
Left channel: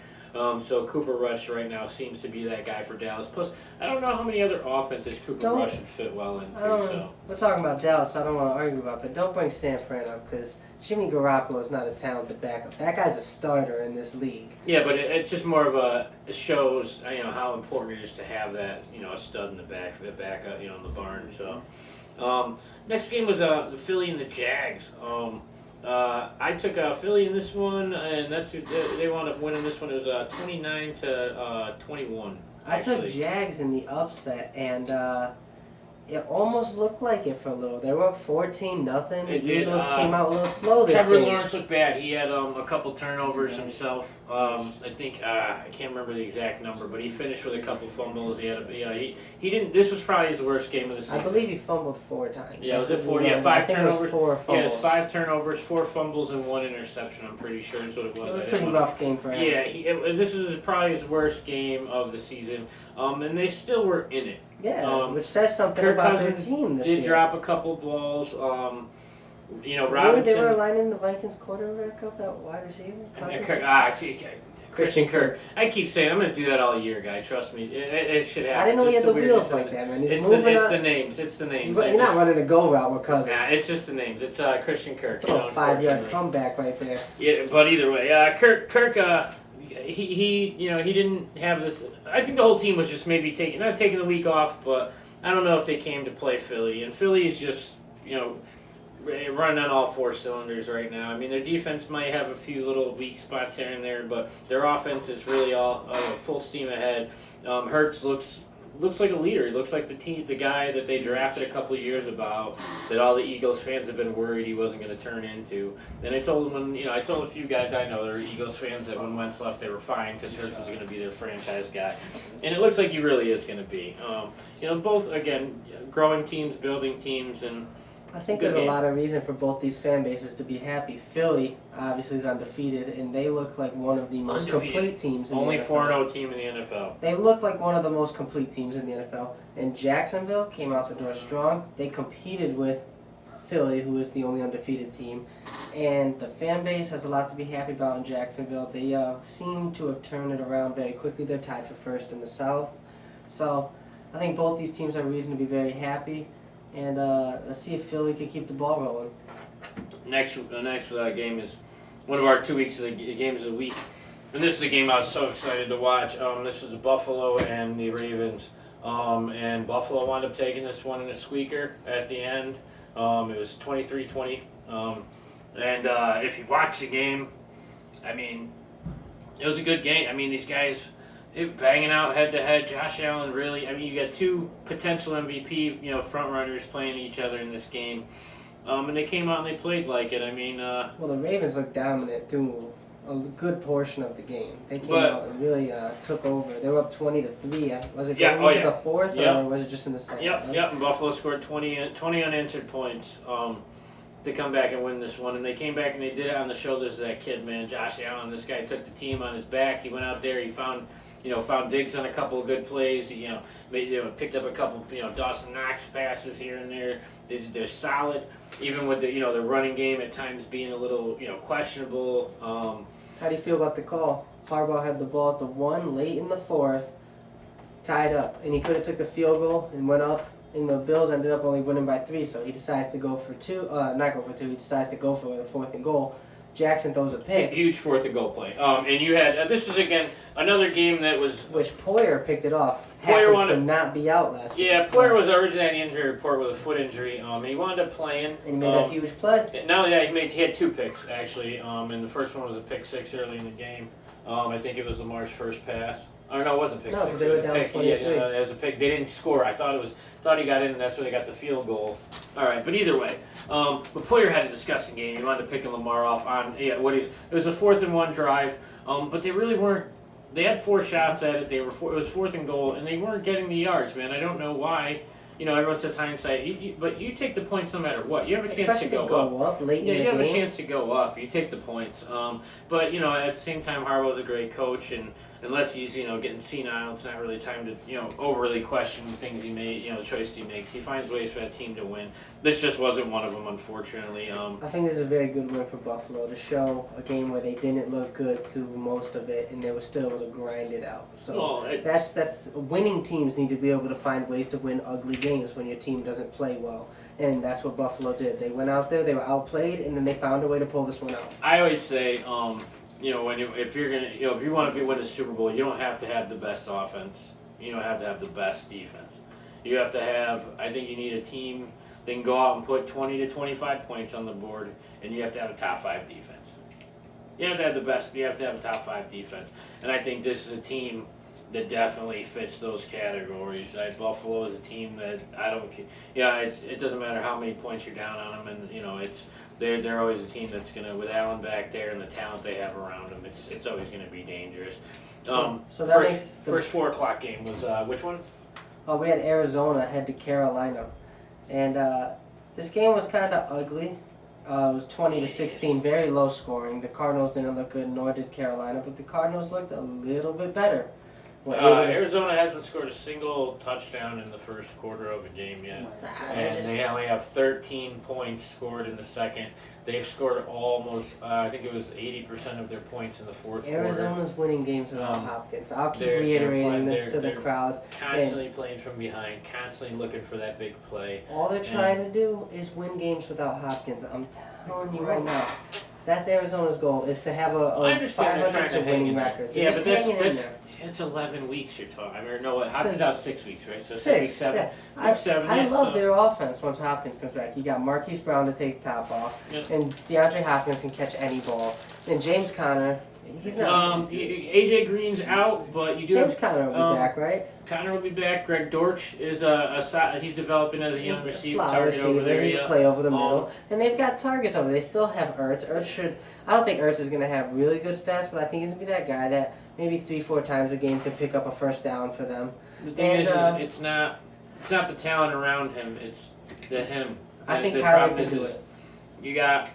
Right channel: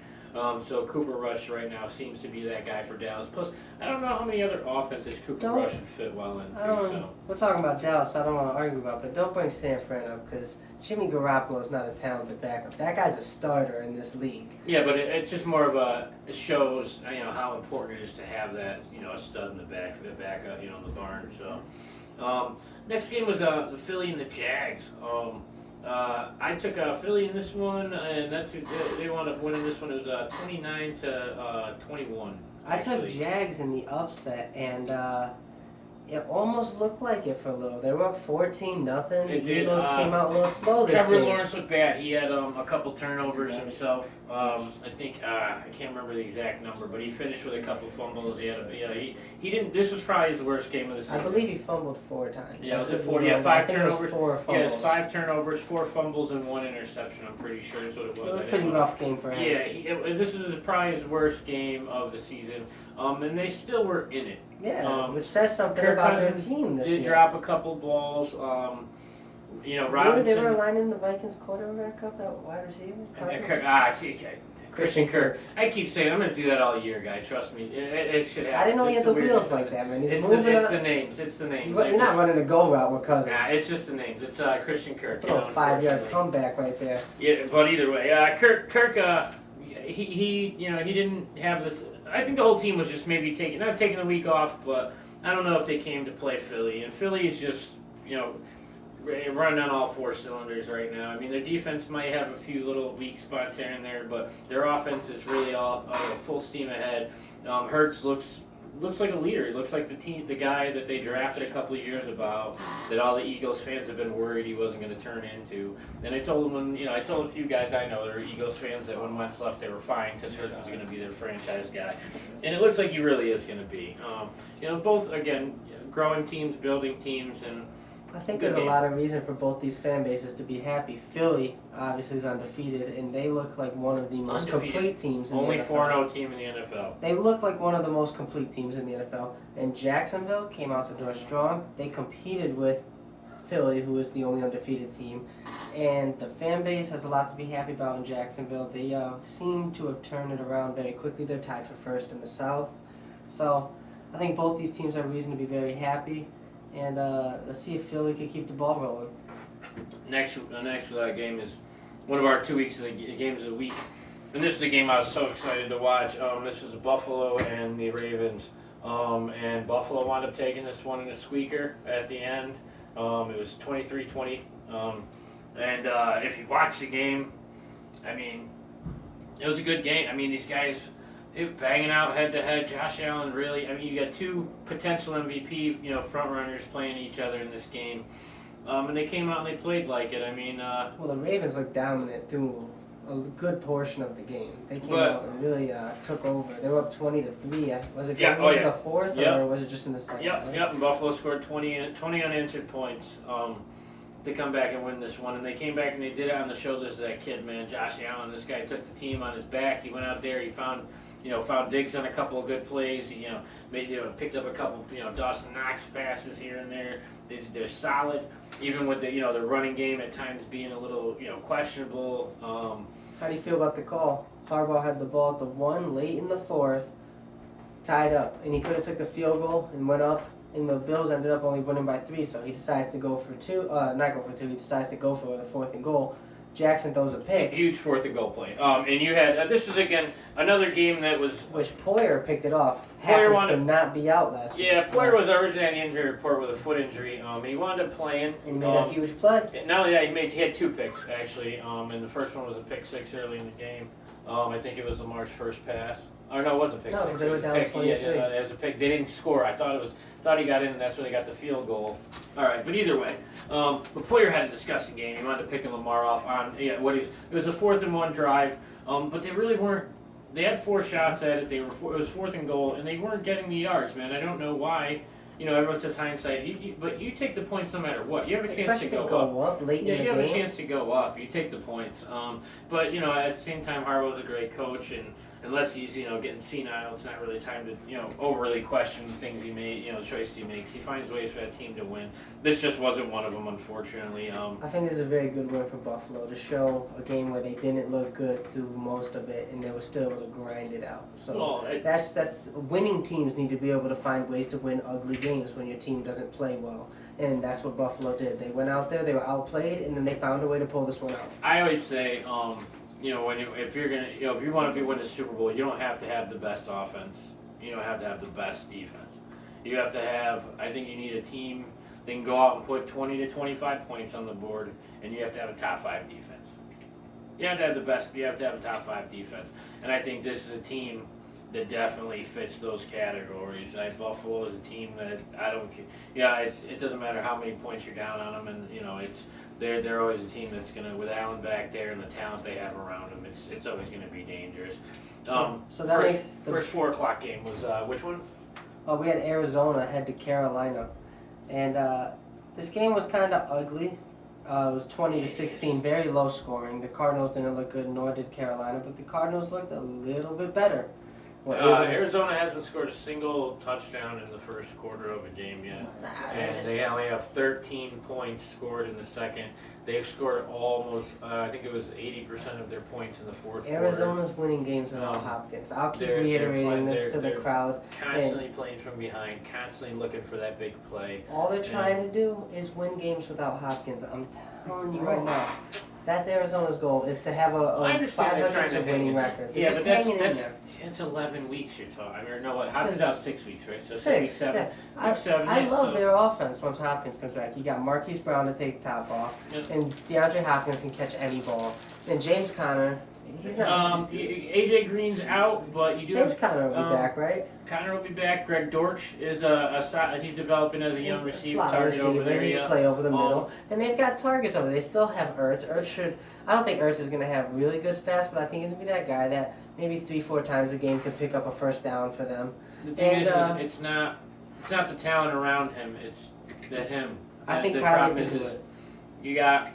So Cooper Rush right now seems to be that guy for Dallas. Plus, I don't know how many other offenses Cooper Rush would fit well into. So. We're talking about Dallas, so I don't want to argue about that. Don't bring San Fran up because Jimmy Garoppolo is not a talented backup. That guy's a starter in this league. Yeah, but it's just more of it shows how important it is to have that a stud in the backup in the barn. So next game was the Philly and the Jags. I took Philly in this one, and that's who they wound up winning this one. It was 29-21. I took Jags in the upset, and it almost looked like it for a little. They were up 14-0. The Eagles came out a little slow this Trevor game. Lawrence looked bad. He had a couple turnovers himself. I think I can't remember the exact number, but he finished with a couple fumbles. He had he didn't. This was probably his worst game of the season. I believe he fumbled 4 times. Yeah, was it 4? Remember. Yeah, 5 I think turnovers. It was 4 fumbles. Yeah, it was 5 turnovers, 4 fumbles, and 1 interception. I'm pretty sure is what it was. It was a pretty rough game for him. Yeah, this is probably his worst game of the season, and they still were in it. Yeah, which says something Kirk about Cousins their team this did year. drop a couple balls. Really, Robinson. they were lining the Vikings quarterback up at wide receiver? Christian Kirk. I keep saying I'm going to do that all year, guy. Trust me, it should happen. I didn't know he It's had the weirdness wheels of like it. that, man. He's It's moving the on. names. It's the names. You're not running a go route with Cousins. Nah, it's just the names. It's Christian Kirk. It's a little 5-yard comeback right there. Yeah, but either way, Kirk, he didn't have this. I think the whole team was just maybe not taking a week off, but I don't know if they came to play Philly. And Philly is just running on all 4 cylinders right now. Their defense might have a few little weak spots here and there, but their offense is really all full steam ahead. Hurts looks like a leader. He looks like the guy that they drafted a couple of years about, that all the Eagles fans have been worried he wasn't going to turn into. And I told him I told a few guys I know that are Eagles fans that when Wentz left they were fine because Hurts was going to be their franchise guy, and it looks like he really is going to be. Both again growing teams, building teams, and I think Good there's a game. lot of reason for both these fan bases to be happy. Philly obviously is undefeated, and they look like one of the most Undefeated. complete teams in Only the NFL. 4-0 team in the NFL. They look like one of the most complete teams in the NFL. And Jacksonville came out the door strong. They competed with Philly, who is the only undefeated team. And the fan base has a lot to be happy about in Jacksonville. They seem to have turned it around very quickly. They're tied for first in the South. So I think both these teams have reason to be very happy. And let's see if Philly can keep the ball rolling. Next game is one of our 2 weeks of the games of the week. And this is a game I was so excited to watch. This was Buffalo and the Ravens. And Buffalo wound up taking this one in a squeaker at the end. It was 23-20. And if you watch the game, I mean, it was a good game. I mean, these guys banging out head to head. Josh Allen really. I mean, you got two potential MVP, front runners playing each other in this game, and they came out and they played like it. I mean, well, the Ravens looked dominant through a good portion of the game. They came out and really took over. They were up 20-3. Was it going into the fourth, or was it just in the second? Yep. And Buffalo scored 20 unanswered points to come back and win this one, and they came back and they did it on the shoulders of that kid, man, Josh Allen. This guy took the team on his back. He went out there. He found Diggs on a couple of good plays. He, picked up a couple, Dawson Knox passes here and there. They're solid, even with the running game at times being a little, questionable. How do you feel about the call? Harbaugh had the ball at the 1 late in the fourth, tied up, and he could have took the field goal and went up. And the Bills ended up only winning by 3, so he decides to go for 2. Not go for 2. He decides to go for the 4th and goal. Jackson throws a pick. Huge 4th and goal play. And you had this was again another game that was which Poyer picked it off. Happens to not be out last week. Yeah, Poyer was originally on the injury report with a foot injury. And he wound up playing. And he made a huge play. Not only that, he had 2 picks actually. And the first one was a pick 6 early in the game. I think it was Lamar's first pass. Oh no, it wasn't pick 6. Because they were down 23. It was a pick. They didn't score. I thought he got in, and that's where they got the field goal. All right, but either way, but Poyer had a disgusting game. He wound up picking Lamar off on it was a 4th and 1 drive. But they really weren't. They had 4 shots at it. It was 4th and goal, and they weren't getting the yards, man. I don't know why. Everyone says hindsight, but you take the points no matter what. You have a chance to go up late in the game. You have a chance to go up. You take the points. But at the same time, Harbaugh's a great coach, and unless he's getting senile, it's not really time to overly question the things he made, the choices he makes. He finds ways for that team to win. This just wasn't one of them, unfortunately. I think this is a very good win for Buffalo to show a game where they didn't look good through most of it, and they were still able to grind it out. So that's winning teams need to be able to find ways to win ugly games when your team doesn't play well. And that's what Buffalo did. They went out there, they were outplayed, and then they found a way to pull this one out. I always say, if you want to win the Super Bowl, you don't have to have the best offense. You don't have to have the best defense. You have to have. I think you need a team that can go out and put 20 to 25 points on the board, and you have to have a top 5 defense. You have to have the best. You have to have a top 5 defense, and I think this is a team that definitely fits those categories. Buffalo is a team that I don't. Yeah, it doesn't matter how many points you're down on them, and it's. They're always a team that's gonna, with Allen back there and the talent they have around them, it's always gonna be dangerous. So that makes the first 4:00 game was which one? Oh, we had Arizona head to Carolina, and this game was kind of ugly. It was 20-16, very low scoring. The Cardinals didn't look good, nor did Carolina, but the Cardinals looked a little bit better. Arizona hasn't scored a single touchdown in the first quarter of a game yet. And they only have 13 points scored in the second. They've scored almost, I think it was 80% of their points in the fourth quarter. Arizona's winning games without Hopkins. I'll keep reiterating this to the crowd. Constantly playing from behind, constantly looking for that big play. All they're trying to do is win games without Hopkins. I'm telling you right now. That's Arizona's goal, is to have a 500 to winning record. They're just hanging in there. It's 11 weeks you're talking. I mean, no, what? Hopkins out 6 weeks, right? So 6, 7. yeah. I love their offense once Hopkins comes back. You got Marquise Brown to take top off, and DeAndre Hopkins can catch any ball. And James Conner, he's not. AJ Green's out, but you do. James Conner will be back, right? Conner will be back. Greg Dortch is he's developing as a young receiver, target over there. He play over the middle, and they've got targets over there. They still have Ertz. I don't think Ertz is going to have really good stats, but I think he's going to be that guy that maybe 3-4 times a game could pick up a first down for them. The thing is it's not the talent around him. It's him. I think the Kyler problem can do is it. you got,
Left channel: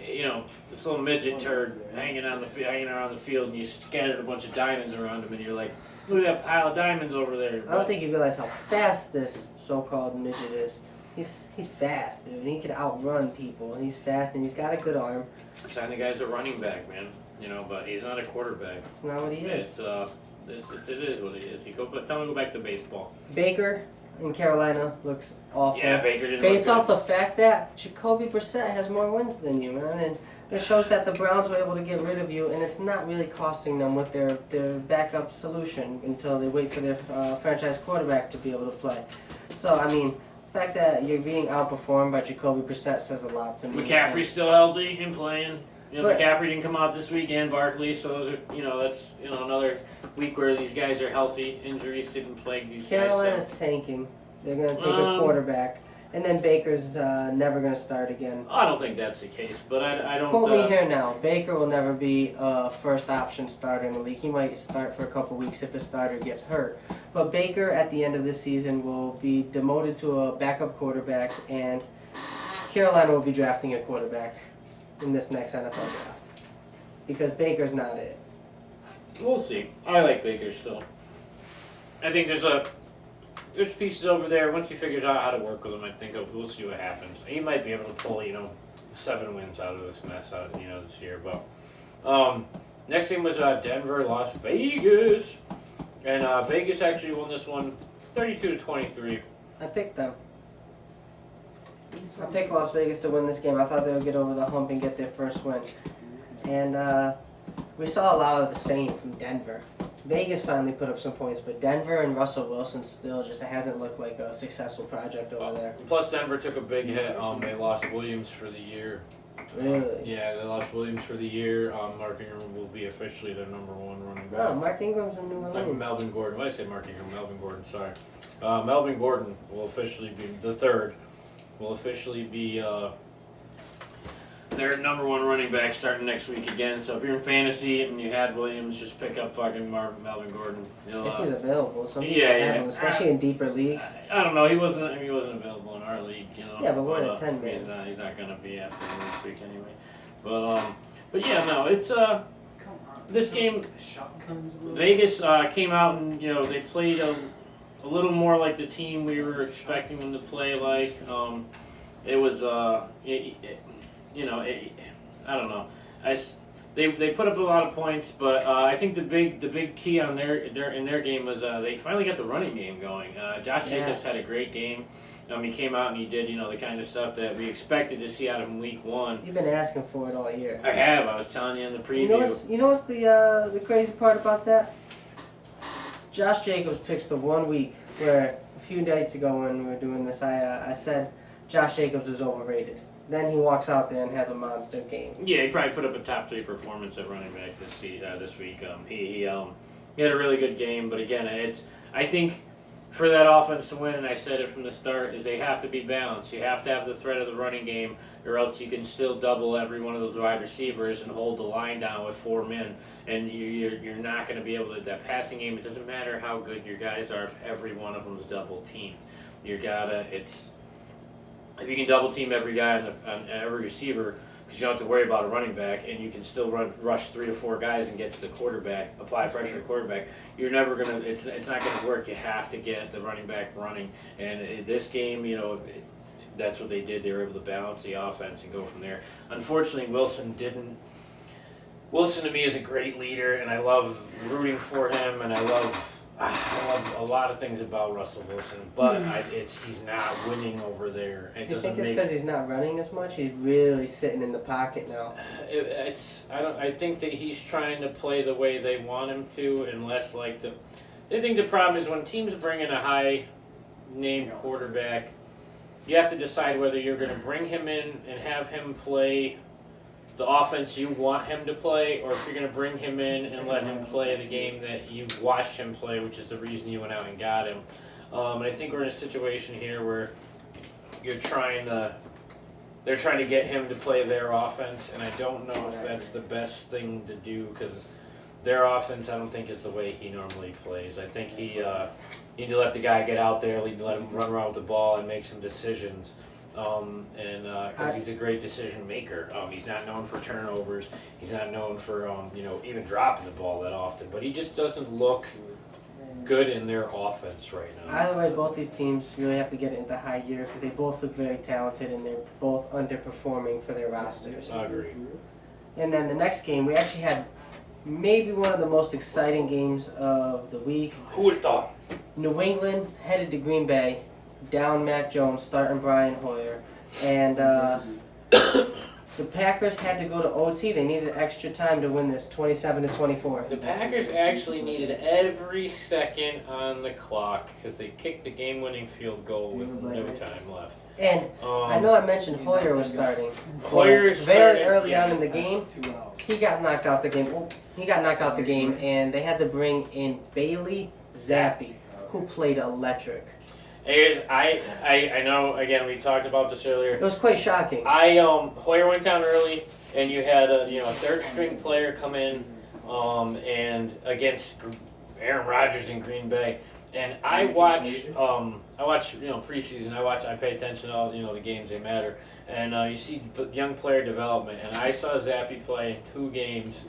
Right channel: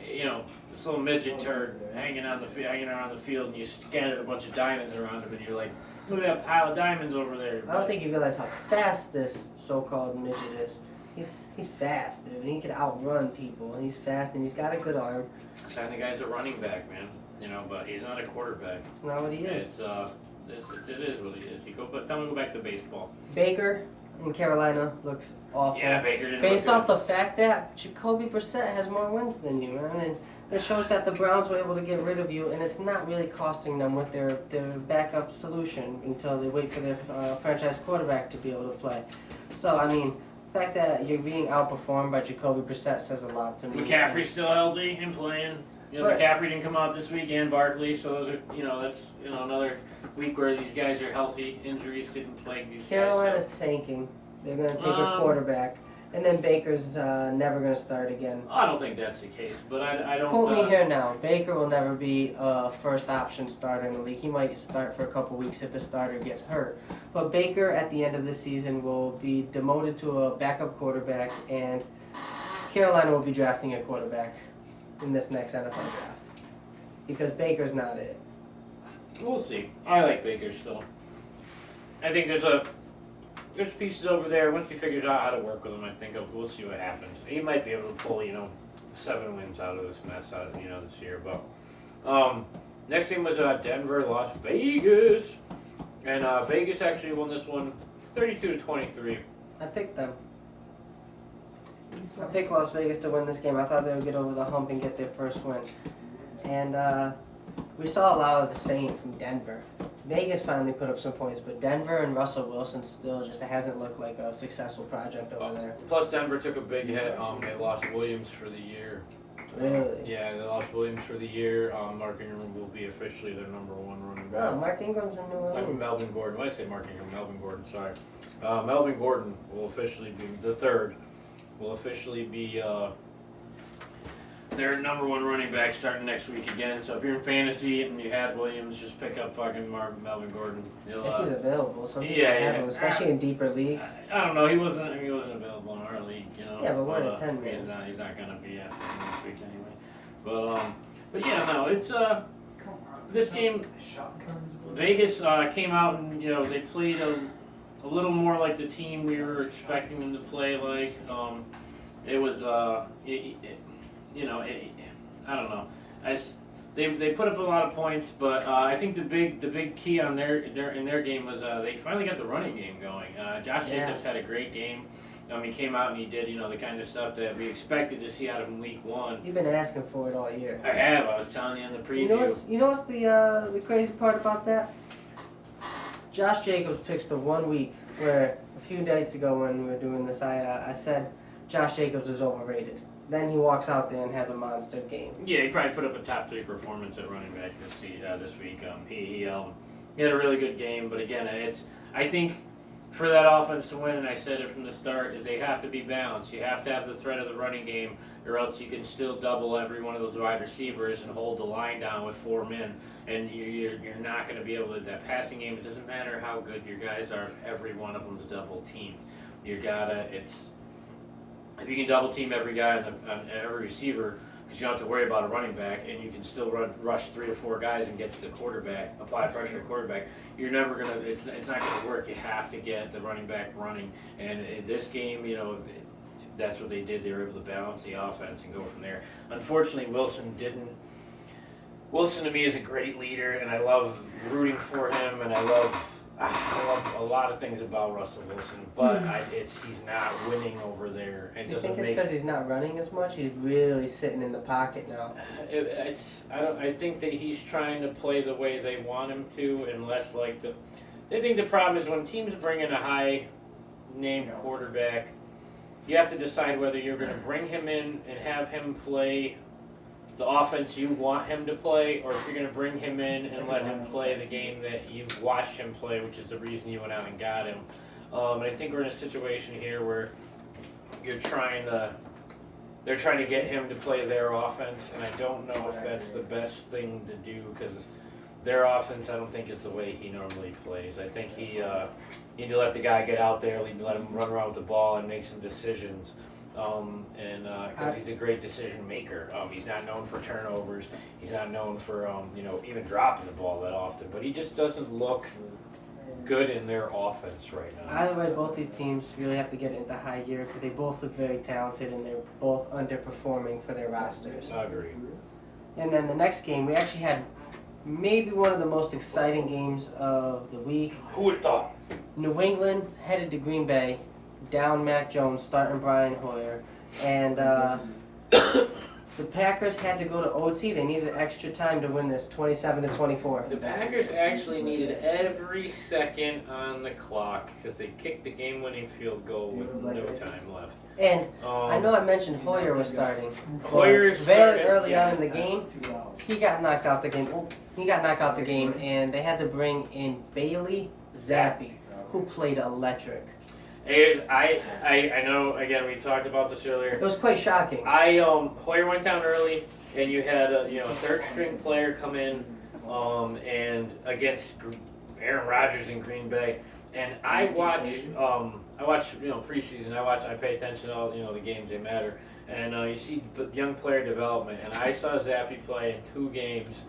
this little midget turd hanging around the field, and you scattered a bunch of diamonds around him, and you're like, look at that pile of diamonds over there. I don't think you realize how fast this so-called midget is. He's fast, dude. He can outrun people, and he's fast, and he's got a good arm. Sign the guy's a running back, man. But he's not a quarterback. That's not what he is. It is what he is. Tell him to go back to baseball. Baker in Carolina looks awful. Yeah, Baker didn't Based look off the fact that Jacoby Brissett has more wins than you, man, and it shows that the Browns were able to get rid of you, and it's not really costing them with their backup solution until they wait for their franchise quarterback to be able to play. So, I mean, the fact that you're being outperformed by Jacoby Brissett says a lot to me. McCaffrey's still healthy and playing. But- McCaffrey didn't come out this week, and Barkley, so those are, that's another week where these guys are healthy. Injuries didn't plague these Carolina's guys. tanking. They're going to take a quarterback. And then Baker's never going to start again. I don't think that's the case, but I don't. Quote me here now. Baker will never be a first option starter in the league. He might start for a couple weeks if the starter gets hurt. But Baker at the end of this season will be demoted to a backup quarterback, and Carolina will be drafting a quarterback in this next NFL draft. Because Baker's not it. We'll see. I like Baker still. I think there's pieces over there. Once he figures out how to work with them, I think we'll see what happens. He might be able to pull, 7 wins out of this mess, this year. But next game was Denver, Las Vegas, and Vegas actually won this one, 32-23. I picked them. I picked Las Vegas to win this game. I thought they would get over the hump and get their first win. And we saw a lot of the same from Denver. Vegas finally put up some points, but Denver and Russell Wilson still just hasn't looked like a successful project over there. Plus, Denver took a big hit. They lost Williams for the year. Really? Yeah, they lost Williams for the year. Mark Ingram will be officially their number 1 running back. No, Mark Ingram's in New Orleans. Melvin Gordon. Why did I say Mark Ingram? Melvin Gordon, sorry. Melvin Gordon will officially be the third. Will officially be their number 1 running back starting next week again. So if you're in fantasy and you had Williams, just pick up fucking Melvin Gordon. If he's available, some people yeah, have yeah. him, especially in deeper leagues. I don't know. He wasn't available in our league. Yeah, but we're in a 10-man. He's not gonna be after him this week anyway. But yeah, no, it's this game. Vegas came out and they played a little more like the team we were expecting them to play like. It was I don't know. They put up a lot of points, but I think the big key on their game was they finally got the running game going. Josh Jacobs had a great game. He came out and he did the kind of stuff that we expected to see out of him week 1. You've been asking for it all year. I have. I was telling you in the preview. You know what's the crazy part about that? Josh Jacobs picks the 1 week where a few nights ago when we were doing this, I said Josh Jacobs is overrated. Then he walks out there and has a monster game. Yeah, he probably put up a top 3 performance at running back this week. He had a really good game, but again, I think for that offense to win, I said it from the start, is they have to be balanced. You have to have the threat of the running game, or else you can still double every one of those wide receivers and hold the line down with 4 men. And you're not going to be able to. That passing game, it doesn't matter how good your guys are if every one of them's double teamed. If you can double team every guy on every receiver, because you don't have to worry about a running back, and you can still rush 3 or 4 guys and get to the quarterback, apply pressure to the quarterback, you're never gonna. It's not gonna work. You have to get the running back running. And this game, that's what they did. They were able to balance the offense and go from there. Unfortunately, Wilson didn't. Wilson to me is a great leader, and I love rooting for him, and I love a lot of things about Russell Wilson, but he's not winning over there. Do you think it's because he's not running as much? He's really sitting in the pocket now. I think that he's trying to play the way they want him to, and less like the. I think the problem is when teams bring in a high-name quarterback, you have to decide whether you're going to bring him in and have him play the offense you want him to play, or if you're going to bring him in and let him play the game that you've watched him play, which is the reason you went out and got him. And I think we're in a situation here where they're trying to get him to play their offense, and I don't know if that's the best thing to do, because their offense I don't think is the way he normally plays. I think he need to let the guy get out there, let him run around with the ball and make some decisions. Because he's a great decision maker. He's not known for turnovers. He's not known for even dropping the ball that often. But he just doesn't look good in their offense right now. Either way, both these teams really have to get it into high gear because they both look very talented and they're both underperforming for their rosters. I agree. And then the next game, we actually had maybe one of the most exciting games of the week. Who would have thought? New England headed to Green Bay, down Mac Jones, starting Brian Hoyer, and the Packers had to go to OT. They needed extra time to win this, 27-24. The Packers actually needed every second on the clock because they kicked the game-winning field goal with no time left. And I know I mentioned Hoyer was starting. Hoyer very early on in the game, he got knocked out the game. He got knocked out the game, and they had to bring in Bailey Zappi, who played electric. I know. Again, we talked about this earlier. It was quite shocking. Hoyer went down early, and you had a third string player come in, and against Aaron Rodgers in Green Bay. And I watch preseason. I pay attention to all the games that matter, and you see young player development. And I saw Zappi play in 2 games,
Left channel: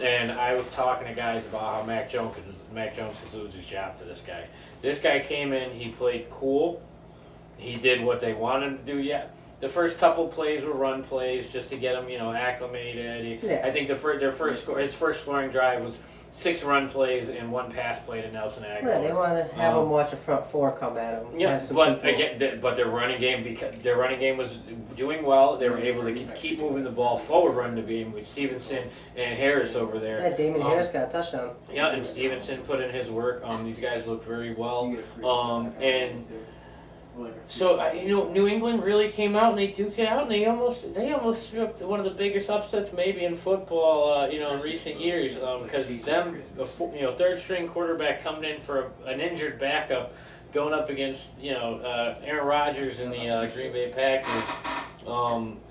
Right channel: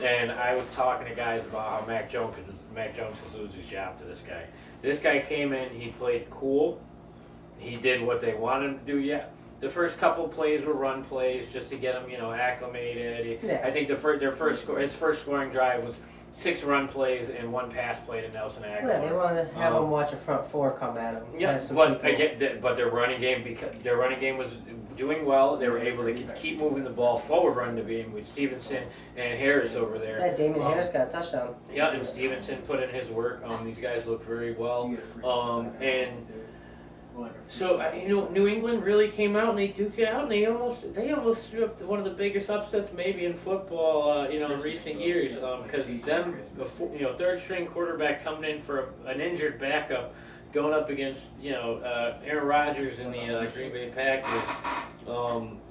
and I was talking to guys about how Mac Jones could lose his job to this guy. This guy came in, he played cool. He did what they wanted him to do. Yeah, the first couple plays were run plays just to get him, acclimated. Yes. I think his first scoring drive was 6 run plays and 1 pass play to Nelson Aguilar. Yeah, they wanted to have him watch a front 4 come at him. Yeah, but their running game was doing well. They were able to keep moving the ball forward, running the game with Stevenson and Harris over there. Yeah, Damon Harris got a touchdown. Yeah, and Stevenson put in his work. These guys look very well. And so New England really came out and they duked it out, and they almost threw up one of the biggest upsets maybe in football, in recent years. Because them, third string quarterback coming in for an injured backup, going up against Aaron Rodgers and the Green Bay Packers,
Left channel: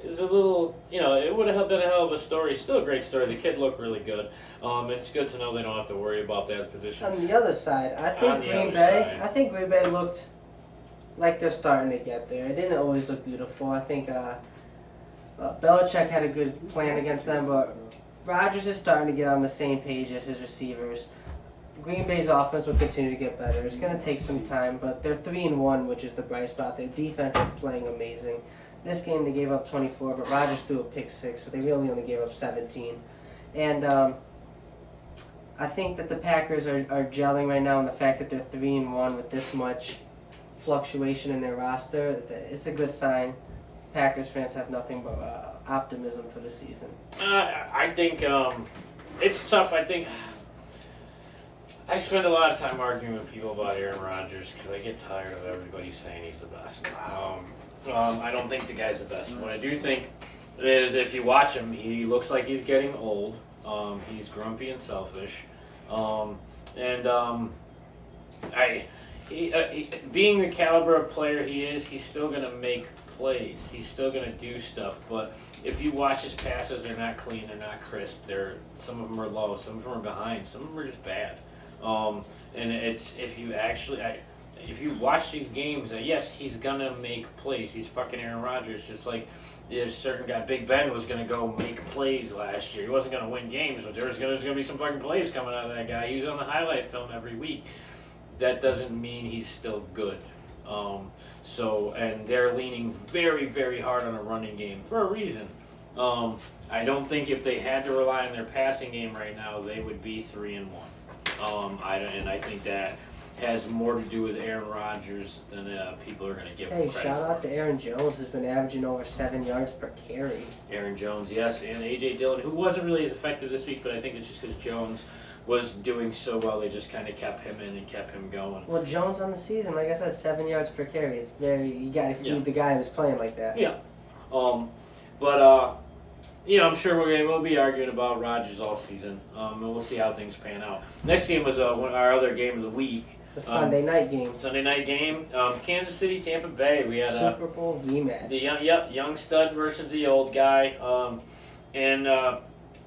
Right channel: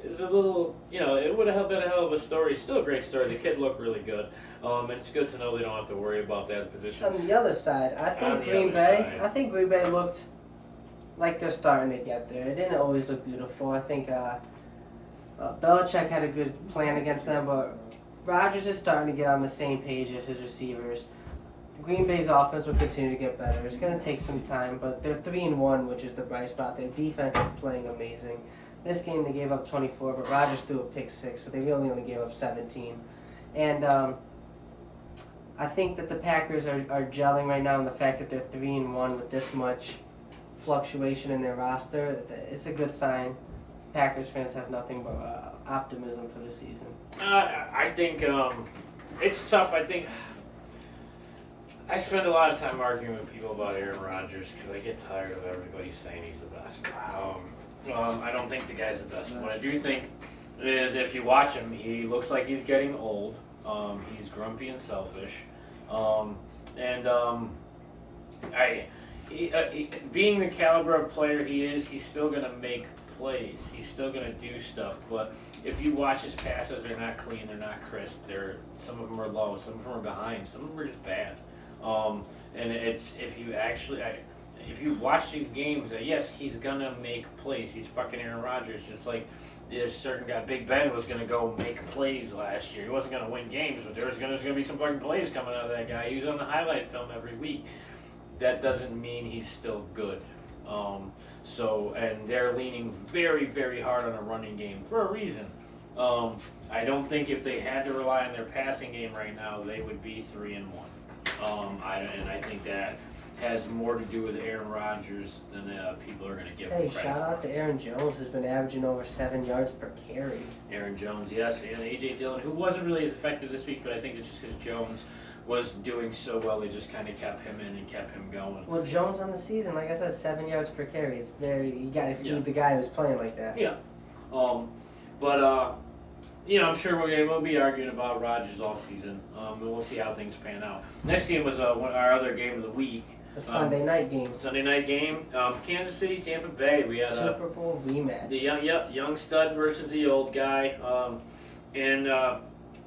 is a little it would have been a hell of a story. Still a great story. The kid looked really good. It's good to know they don't have to worry about that position. On the other side, I think Green Bay looked like they're starting to get there. It didn't always look beautiful. I think Belichick had a good plan against them, but Rodgers is starting to get on the same page as his receivers. Green Bay's offense will continue to get better. It's going to take some time, but they're 3-1, which is the bright spot. Their defense is playing amazing. This game they gave up 24, but Rodgers threw a pick 6, so they really only gave up 17. And I think that the Packers are gelling right now in the fact that they're 3-1 with this much fluctuation in their roster. It's a good sign. Packers fans have nothing but optimism for the season. I think it's tough. I think I spend a lot of time arguing with people about Aaron Rodgers because I get tired of everybody saying he's the best. I don't think the guy's the best. What I do think is if you watch him, he looks like he's getting old. He's grumpy and selfish. Being the caliber of player he is, he's still going to make plays. He's still going to do stuff. But if you watch his passes, they're not clean, they're not crisp. Some of them are low, some of them are behind, some of them are just bad. And it's if you watch these games, yes, he's going to make plays. He's fucking Aaron Rodgers, just like there's a certain guy, Big Ben, was going to go make plays last year. He wasn't going to win games, but there was going to be some fucking plays coming out of that guy. He was on the highlight film every week. That doesn't mean he's still good. And they're leaning very, very hard on a running game for a reason. I don't think if they had to rely on their passing game right now, they would be 3-1. I think that has more to do with Aaron Rodgers than people are going to give him credit. Hey, shout out to Aaron Jones, who's been averaging over 7 yards per carry. Aaron Jones, yes, and A.J. Dillon, who wasn't really as effective this week, but I think it's just because Jones was doing so well, they just kind of kept him in and kept him going. Well, Jones on the season, like I said, 7 yards per carry. It's you got to feed the guy who's playing like that. Yeah. I'm sure we'll be arguing about Rodgers all season, and we'll see how things pan out. Next game was our other game of the week. The Sunday night game. Sunday night game, Kansas City, Tampa Bay. We had Super Bowl rematch. The young stud versus the old guy.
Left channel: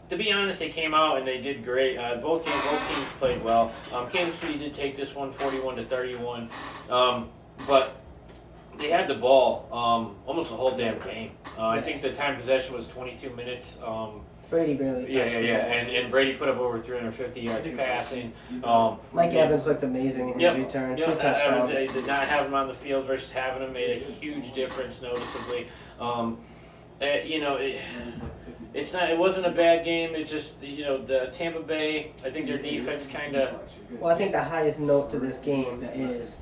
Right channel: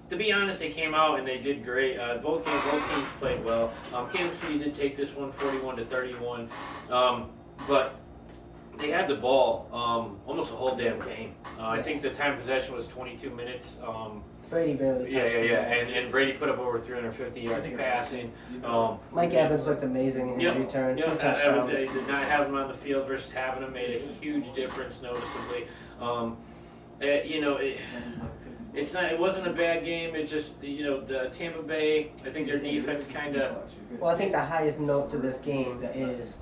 To be honest, they came out and they did great. Both teams played well. Kansas City did take this one 41-31. But they had the ball almost the whole damn game. I think the time possession was 22 minutes. Brady barely touched the ball. And Brady put up over 350 yards passing. Mike Evans looked amazing in his return. 2 touchdowns. Did not have him on the field versus having him made a huge difference noticeably. It wasn't a bad game. It just the Tampa Bay. I think their defense kind of. Well, I think the highest note to this game is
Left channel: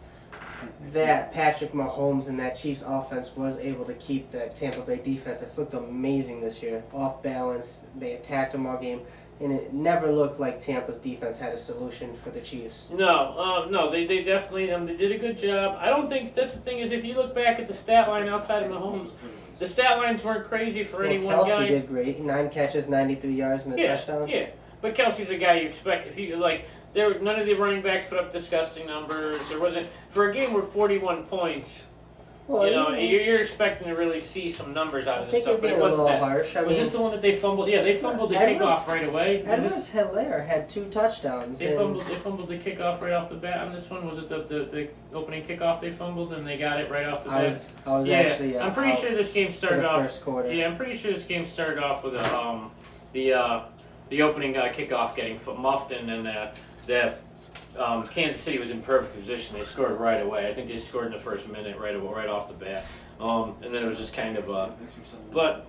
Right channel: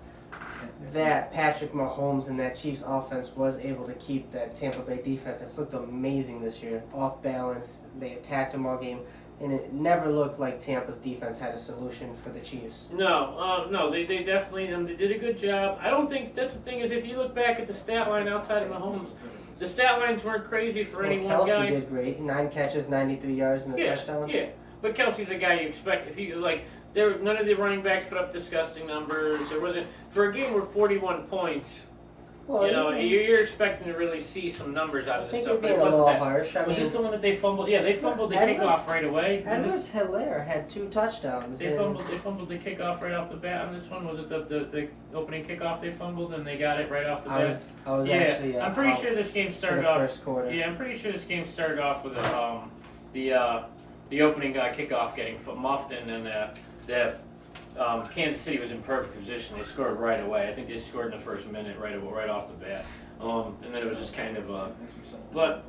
that Patrick Mahomes and that Chiefs offense was able to keep that Tampa Bay defense that's looked amazing this year off balance. They attacked them all game, and it never looked like Tampa's defense had a solution for the Chiefs. No, they definitely they did a good job. I don't think that's the thing is if you look back at the stat line outside of Mahomes, the stat lines weren't crazy for any one guy. Kelsey did great, 9 catches, 93 yards, and a touchdown. Yeah, but Kelsey's a guy you expect if you like. None of the running backs put up disgusting numbers. There wasn't for a game with 41 points. Well, you're expecting to really see some numbers out of this stuff. But it wasn't that harsh. Was this the one that they fumbled? Yeah, they fumbled the kickoff right away. Edwards-Helaire had 2 touchdowns. They fumbled the kickoff right off the bat on this one. Was it the opening kickoff they fumbled and they got it right off the bat? I was actually. I'm pretty sure this game started off. First quarter. Yeah, I'm pretty sure this game started off with the opening kickoff getting muffed and then that Kansas City was in perfect position. They scored right away. I think they scored in the first minute right off the bat. And then it was just kind of but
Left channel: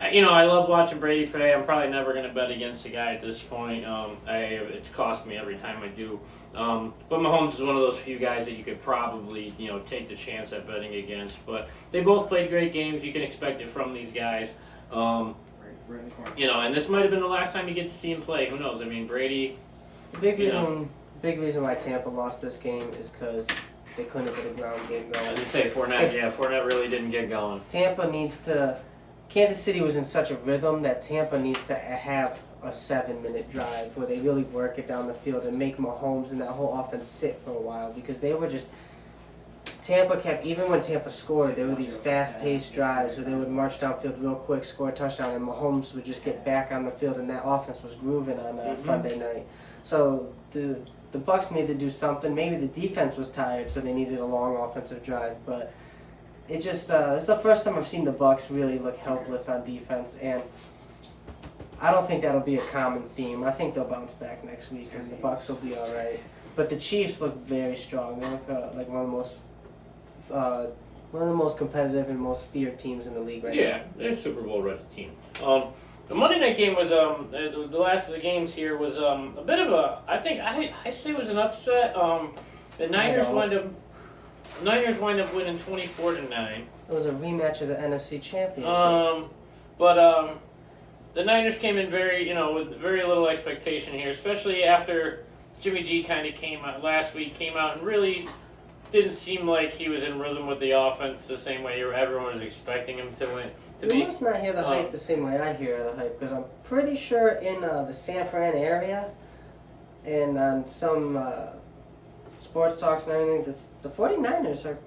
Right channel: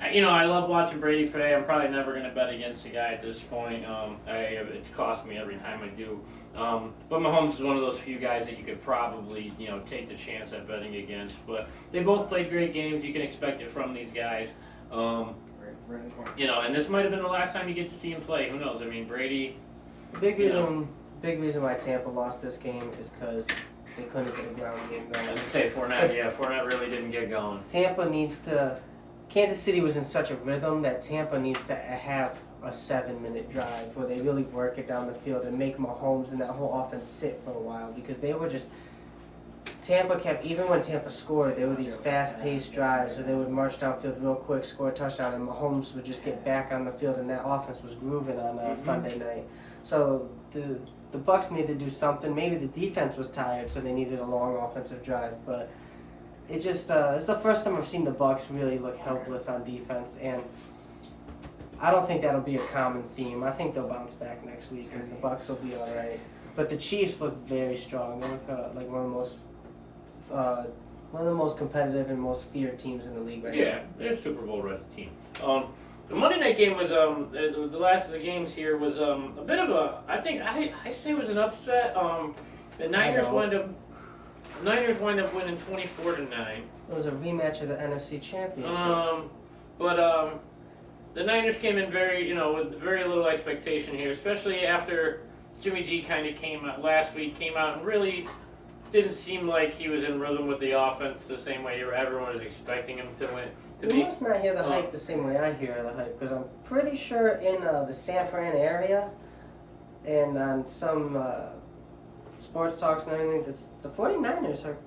I love watching Brady play. I'm probably never going to bet against the guy at this point. It's cost me every time I do. But Mahomes is one of those few guys that you could probably take the chance at betting against. But they both played great games. You can expect it from these guys. And this might have been the last time you get to see him play. Who knows? I mean, Brady. The big reason why Tampa lost this game is because they couldn't get a ground game going. I was going to say Fournette really didn't get going. Kansas City was in such a rhythm that Tampa needs to have a 7-minute drive where they really work it down the field and make Mahomes and that whole offense sit for a while because they were just. Tampa kept, even when Tampa scored, there were these fast-paced drives, so they would march downfield real quick, score a touchdown, and Mahomes would just get back on the field, and that offense was grooving on Sunday night. So the Bucs needed to do something. Maybe the defense was tired, so they needed a long offensive drive. But it just it's the first time I've seen the Bucs really look helpless on defense, and I don't think that'll be a common theme. I think they'll bounce back next week, and the Bucs will be all right. But the Chiefs look very strong. They look like one of the most competitive and most feared teams in the league right now. Yeah, they're a Super Bowl ready team. The Monday night game was the last of the games here was a bit of a I say it was an upset. The Niners wind up winning 24-9. It was a rematch of the NFC Championship. But the Niners came in with very little expectation here, especially after Jimmy G kind of came out and really didn't seem like he was in rhythm with the offense the same way everyone was expecting him to win. You must not hear the hype the same way I hear the hype, because I'm pretty sure in the San Fran area and on some sports talks and everything, the 49ers are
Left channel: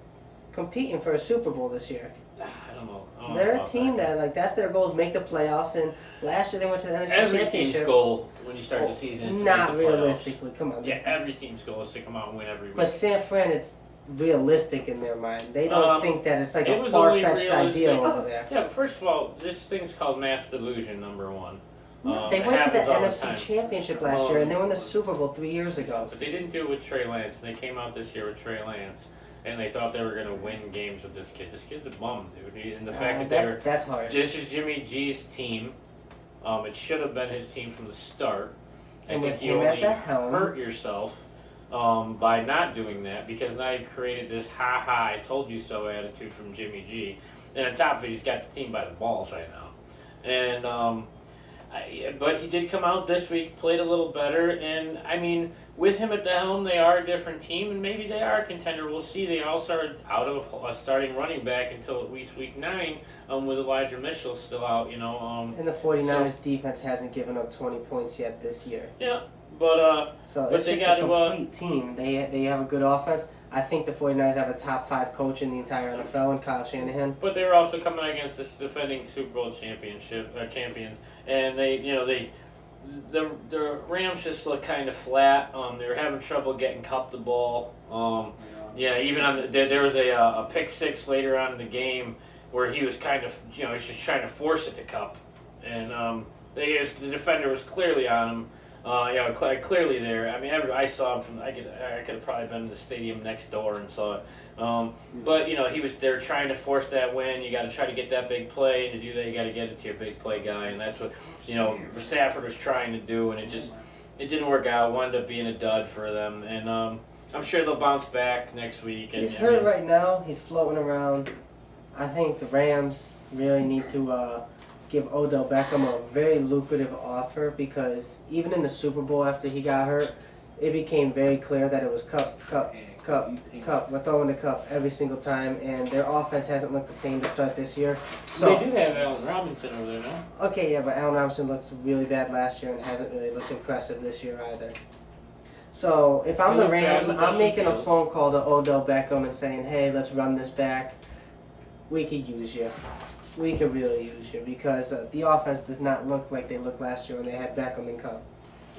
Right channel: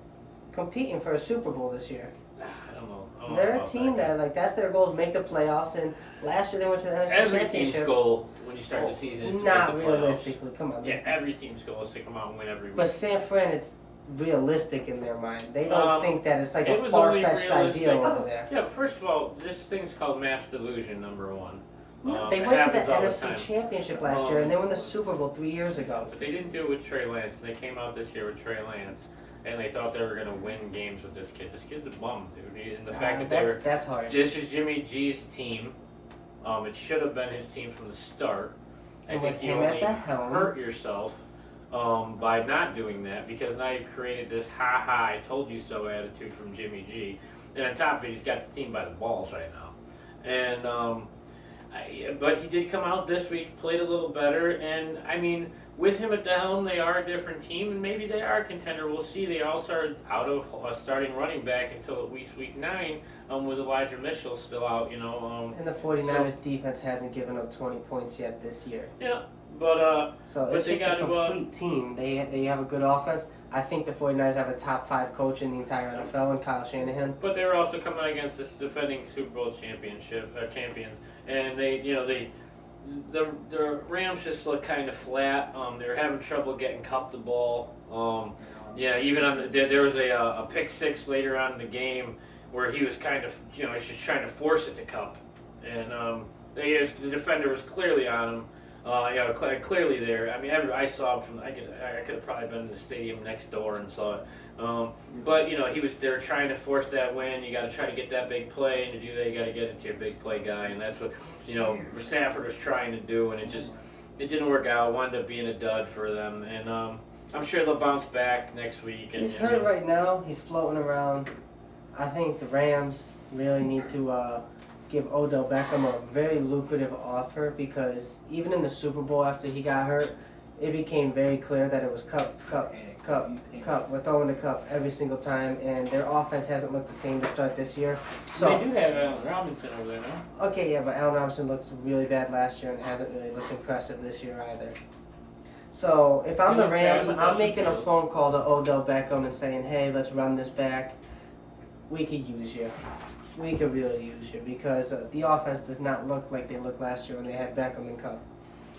competing for a Super Bowl this year. I don't know. They're a team that's their goal is make the playoffs, and last year they went to the NFC Championship. Every team's goal when you start the season is to not make the realistically. playoffs. Come on. Yeah, every team's goal is to come out and win every week. But San Fran, it's realistic in their mind. They don't think that it's like a far-fetched ideal over there. Yeah, but first of all, this thing's called mass delusion, number one. They went to the NFC Championship last year, and they won the Super Bowl 3 years ago. But they didn't do it with Trey Lance. They came out this year with Trey Lance, and they thought they were going to win games with this kid. This kid's a bum, dude. And the fact that that's hard. This is Jimmy G's team. It should have been his team from the start. And I think you only hurt yourself by not doing that, because now you've created this ha-ha, I told you so attitude from Jimmy G. And on top of it, he's got the team by the balls right now. And but he did come out this week, played a little better, and I mean, with him at the helm, they are a different team, and maybe they are a contender. We'll see. They also are out of a starting running back until at least week 9, with Elijah Mitchell still out, And the 49ers defense hasn't given up 20 points yet this year. Yeah, but so it's just a complete team. They have a good offense. I think the 49ers have a top 5 coach in the entire NFL in Kyle Shanahan. But they're also coming against this defending Super Bowl champions, and the Rams just look kind of flat. They were having trouble getting Kupp the ball. Yeah, even on there was a pick six later on in the game where he was kind of he's just trying to force it to Cup, and the defender was clearly on him. Clearly there. I mean, I saw him from. I could have probably been in the stadium next door and saw it. But he was there trying to force that win. You got to try to get that big play, and to do that, you got to get it to your big play guy, and that's what Stafford was trying to do, and it didn't work out. It wound up being a dud for them, and I'm sure they'll bounce back next week. He's hurt right now. He's floating around. I think the Rams really need to give Odell Beckham a very lucrative offer, because even in the Super Bowl after he got hurt, it became very clear that it was Cup. We're throwing the Cup every single time, and their offense hasn't looked the same to start this year. So they do have Allen Robinson over there now. Okay, yeah, but Allen Robinson looked really bad last year and hasn't really looked impressive this year either. So if I'm the Rams, I'm making a phone call to Odell Beckham and saying, hey, let's run this back. We could use you. We could really use you, because the offense does not look like they looked last year when they had Beckham and Cup.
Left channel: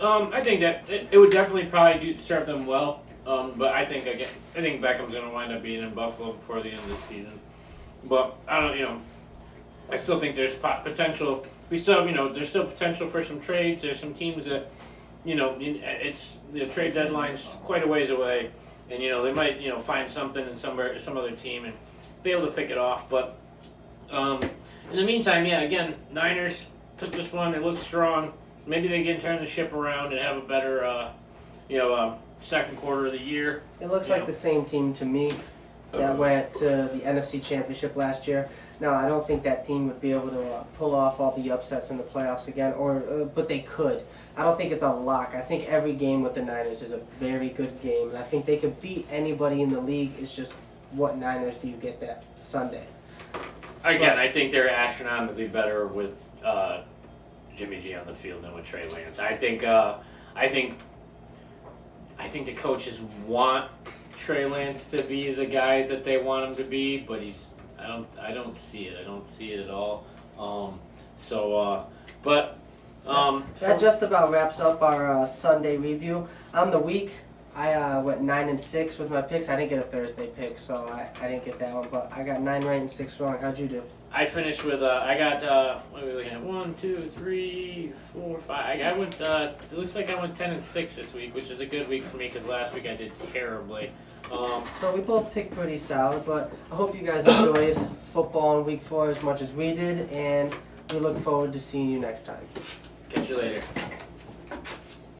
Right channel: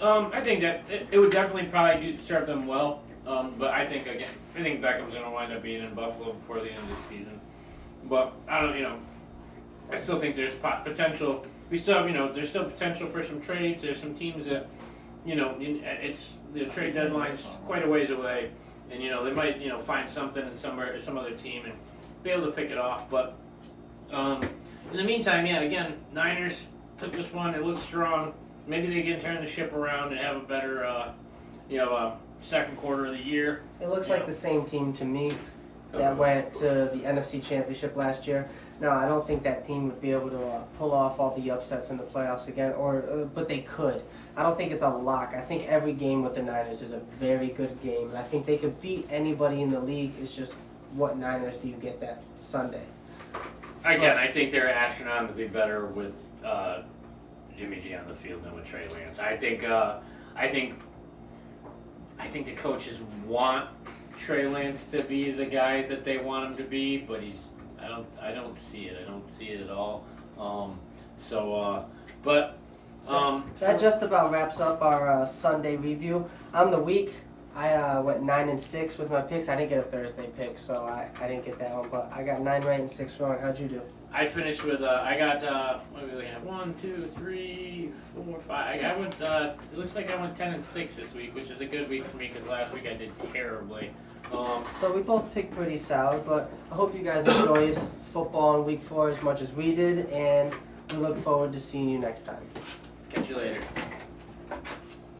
I think that it would definitely probably serve them well. But I think Beckham's going to wind up being in Buffalo before the end of the season. But I don't, I still think there's potential. There's still potential for some trades. There's some teams that, it's the trade deadline's quite a ways away, and they might find something in some other team and be able to pick it off. But in the meantime, again, Niners took this one. They look strong. Maybe they can turn the ship around and have a better, second quarter of the year. It looks like the same team to me that went to the NFC Championship last year. Now, I don't think that team would be able to pull off all the upsets in the playoffs again, but they could. I don't think it's a lock. I think every game with the Niners is a very good game, and I think they could beat anybody in the league. It's just, what Niners do you get that Sunday? Again, I think they're astronomically better with Jimmy G on the field than with Trey Lance. I think the coaches want Trey Lance to be the guy that they want him to be, but I don't see it. I don't see it at all. That just about wraps up our Sunday review. On the week, I went 9-6 with my picks. I didn't get a Thursday pick, so I didn't get that one. But I got 9 right and 6 wrong. How'd you do? I finished with I got what are we looking at? 1, 2, 3, 4, 5. I went. It looks like I went 10-6 this week, which is a good week for me because last week I did terribly. So we both picked pretty solid, but I hope you guys enjoyed football in week 4 as much as we did, and we look forward to seeing you next time. Catch you later.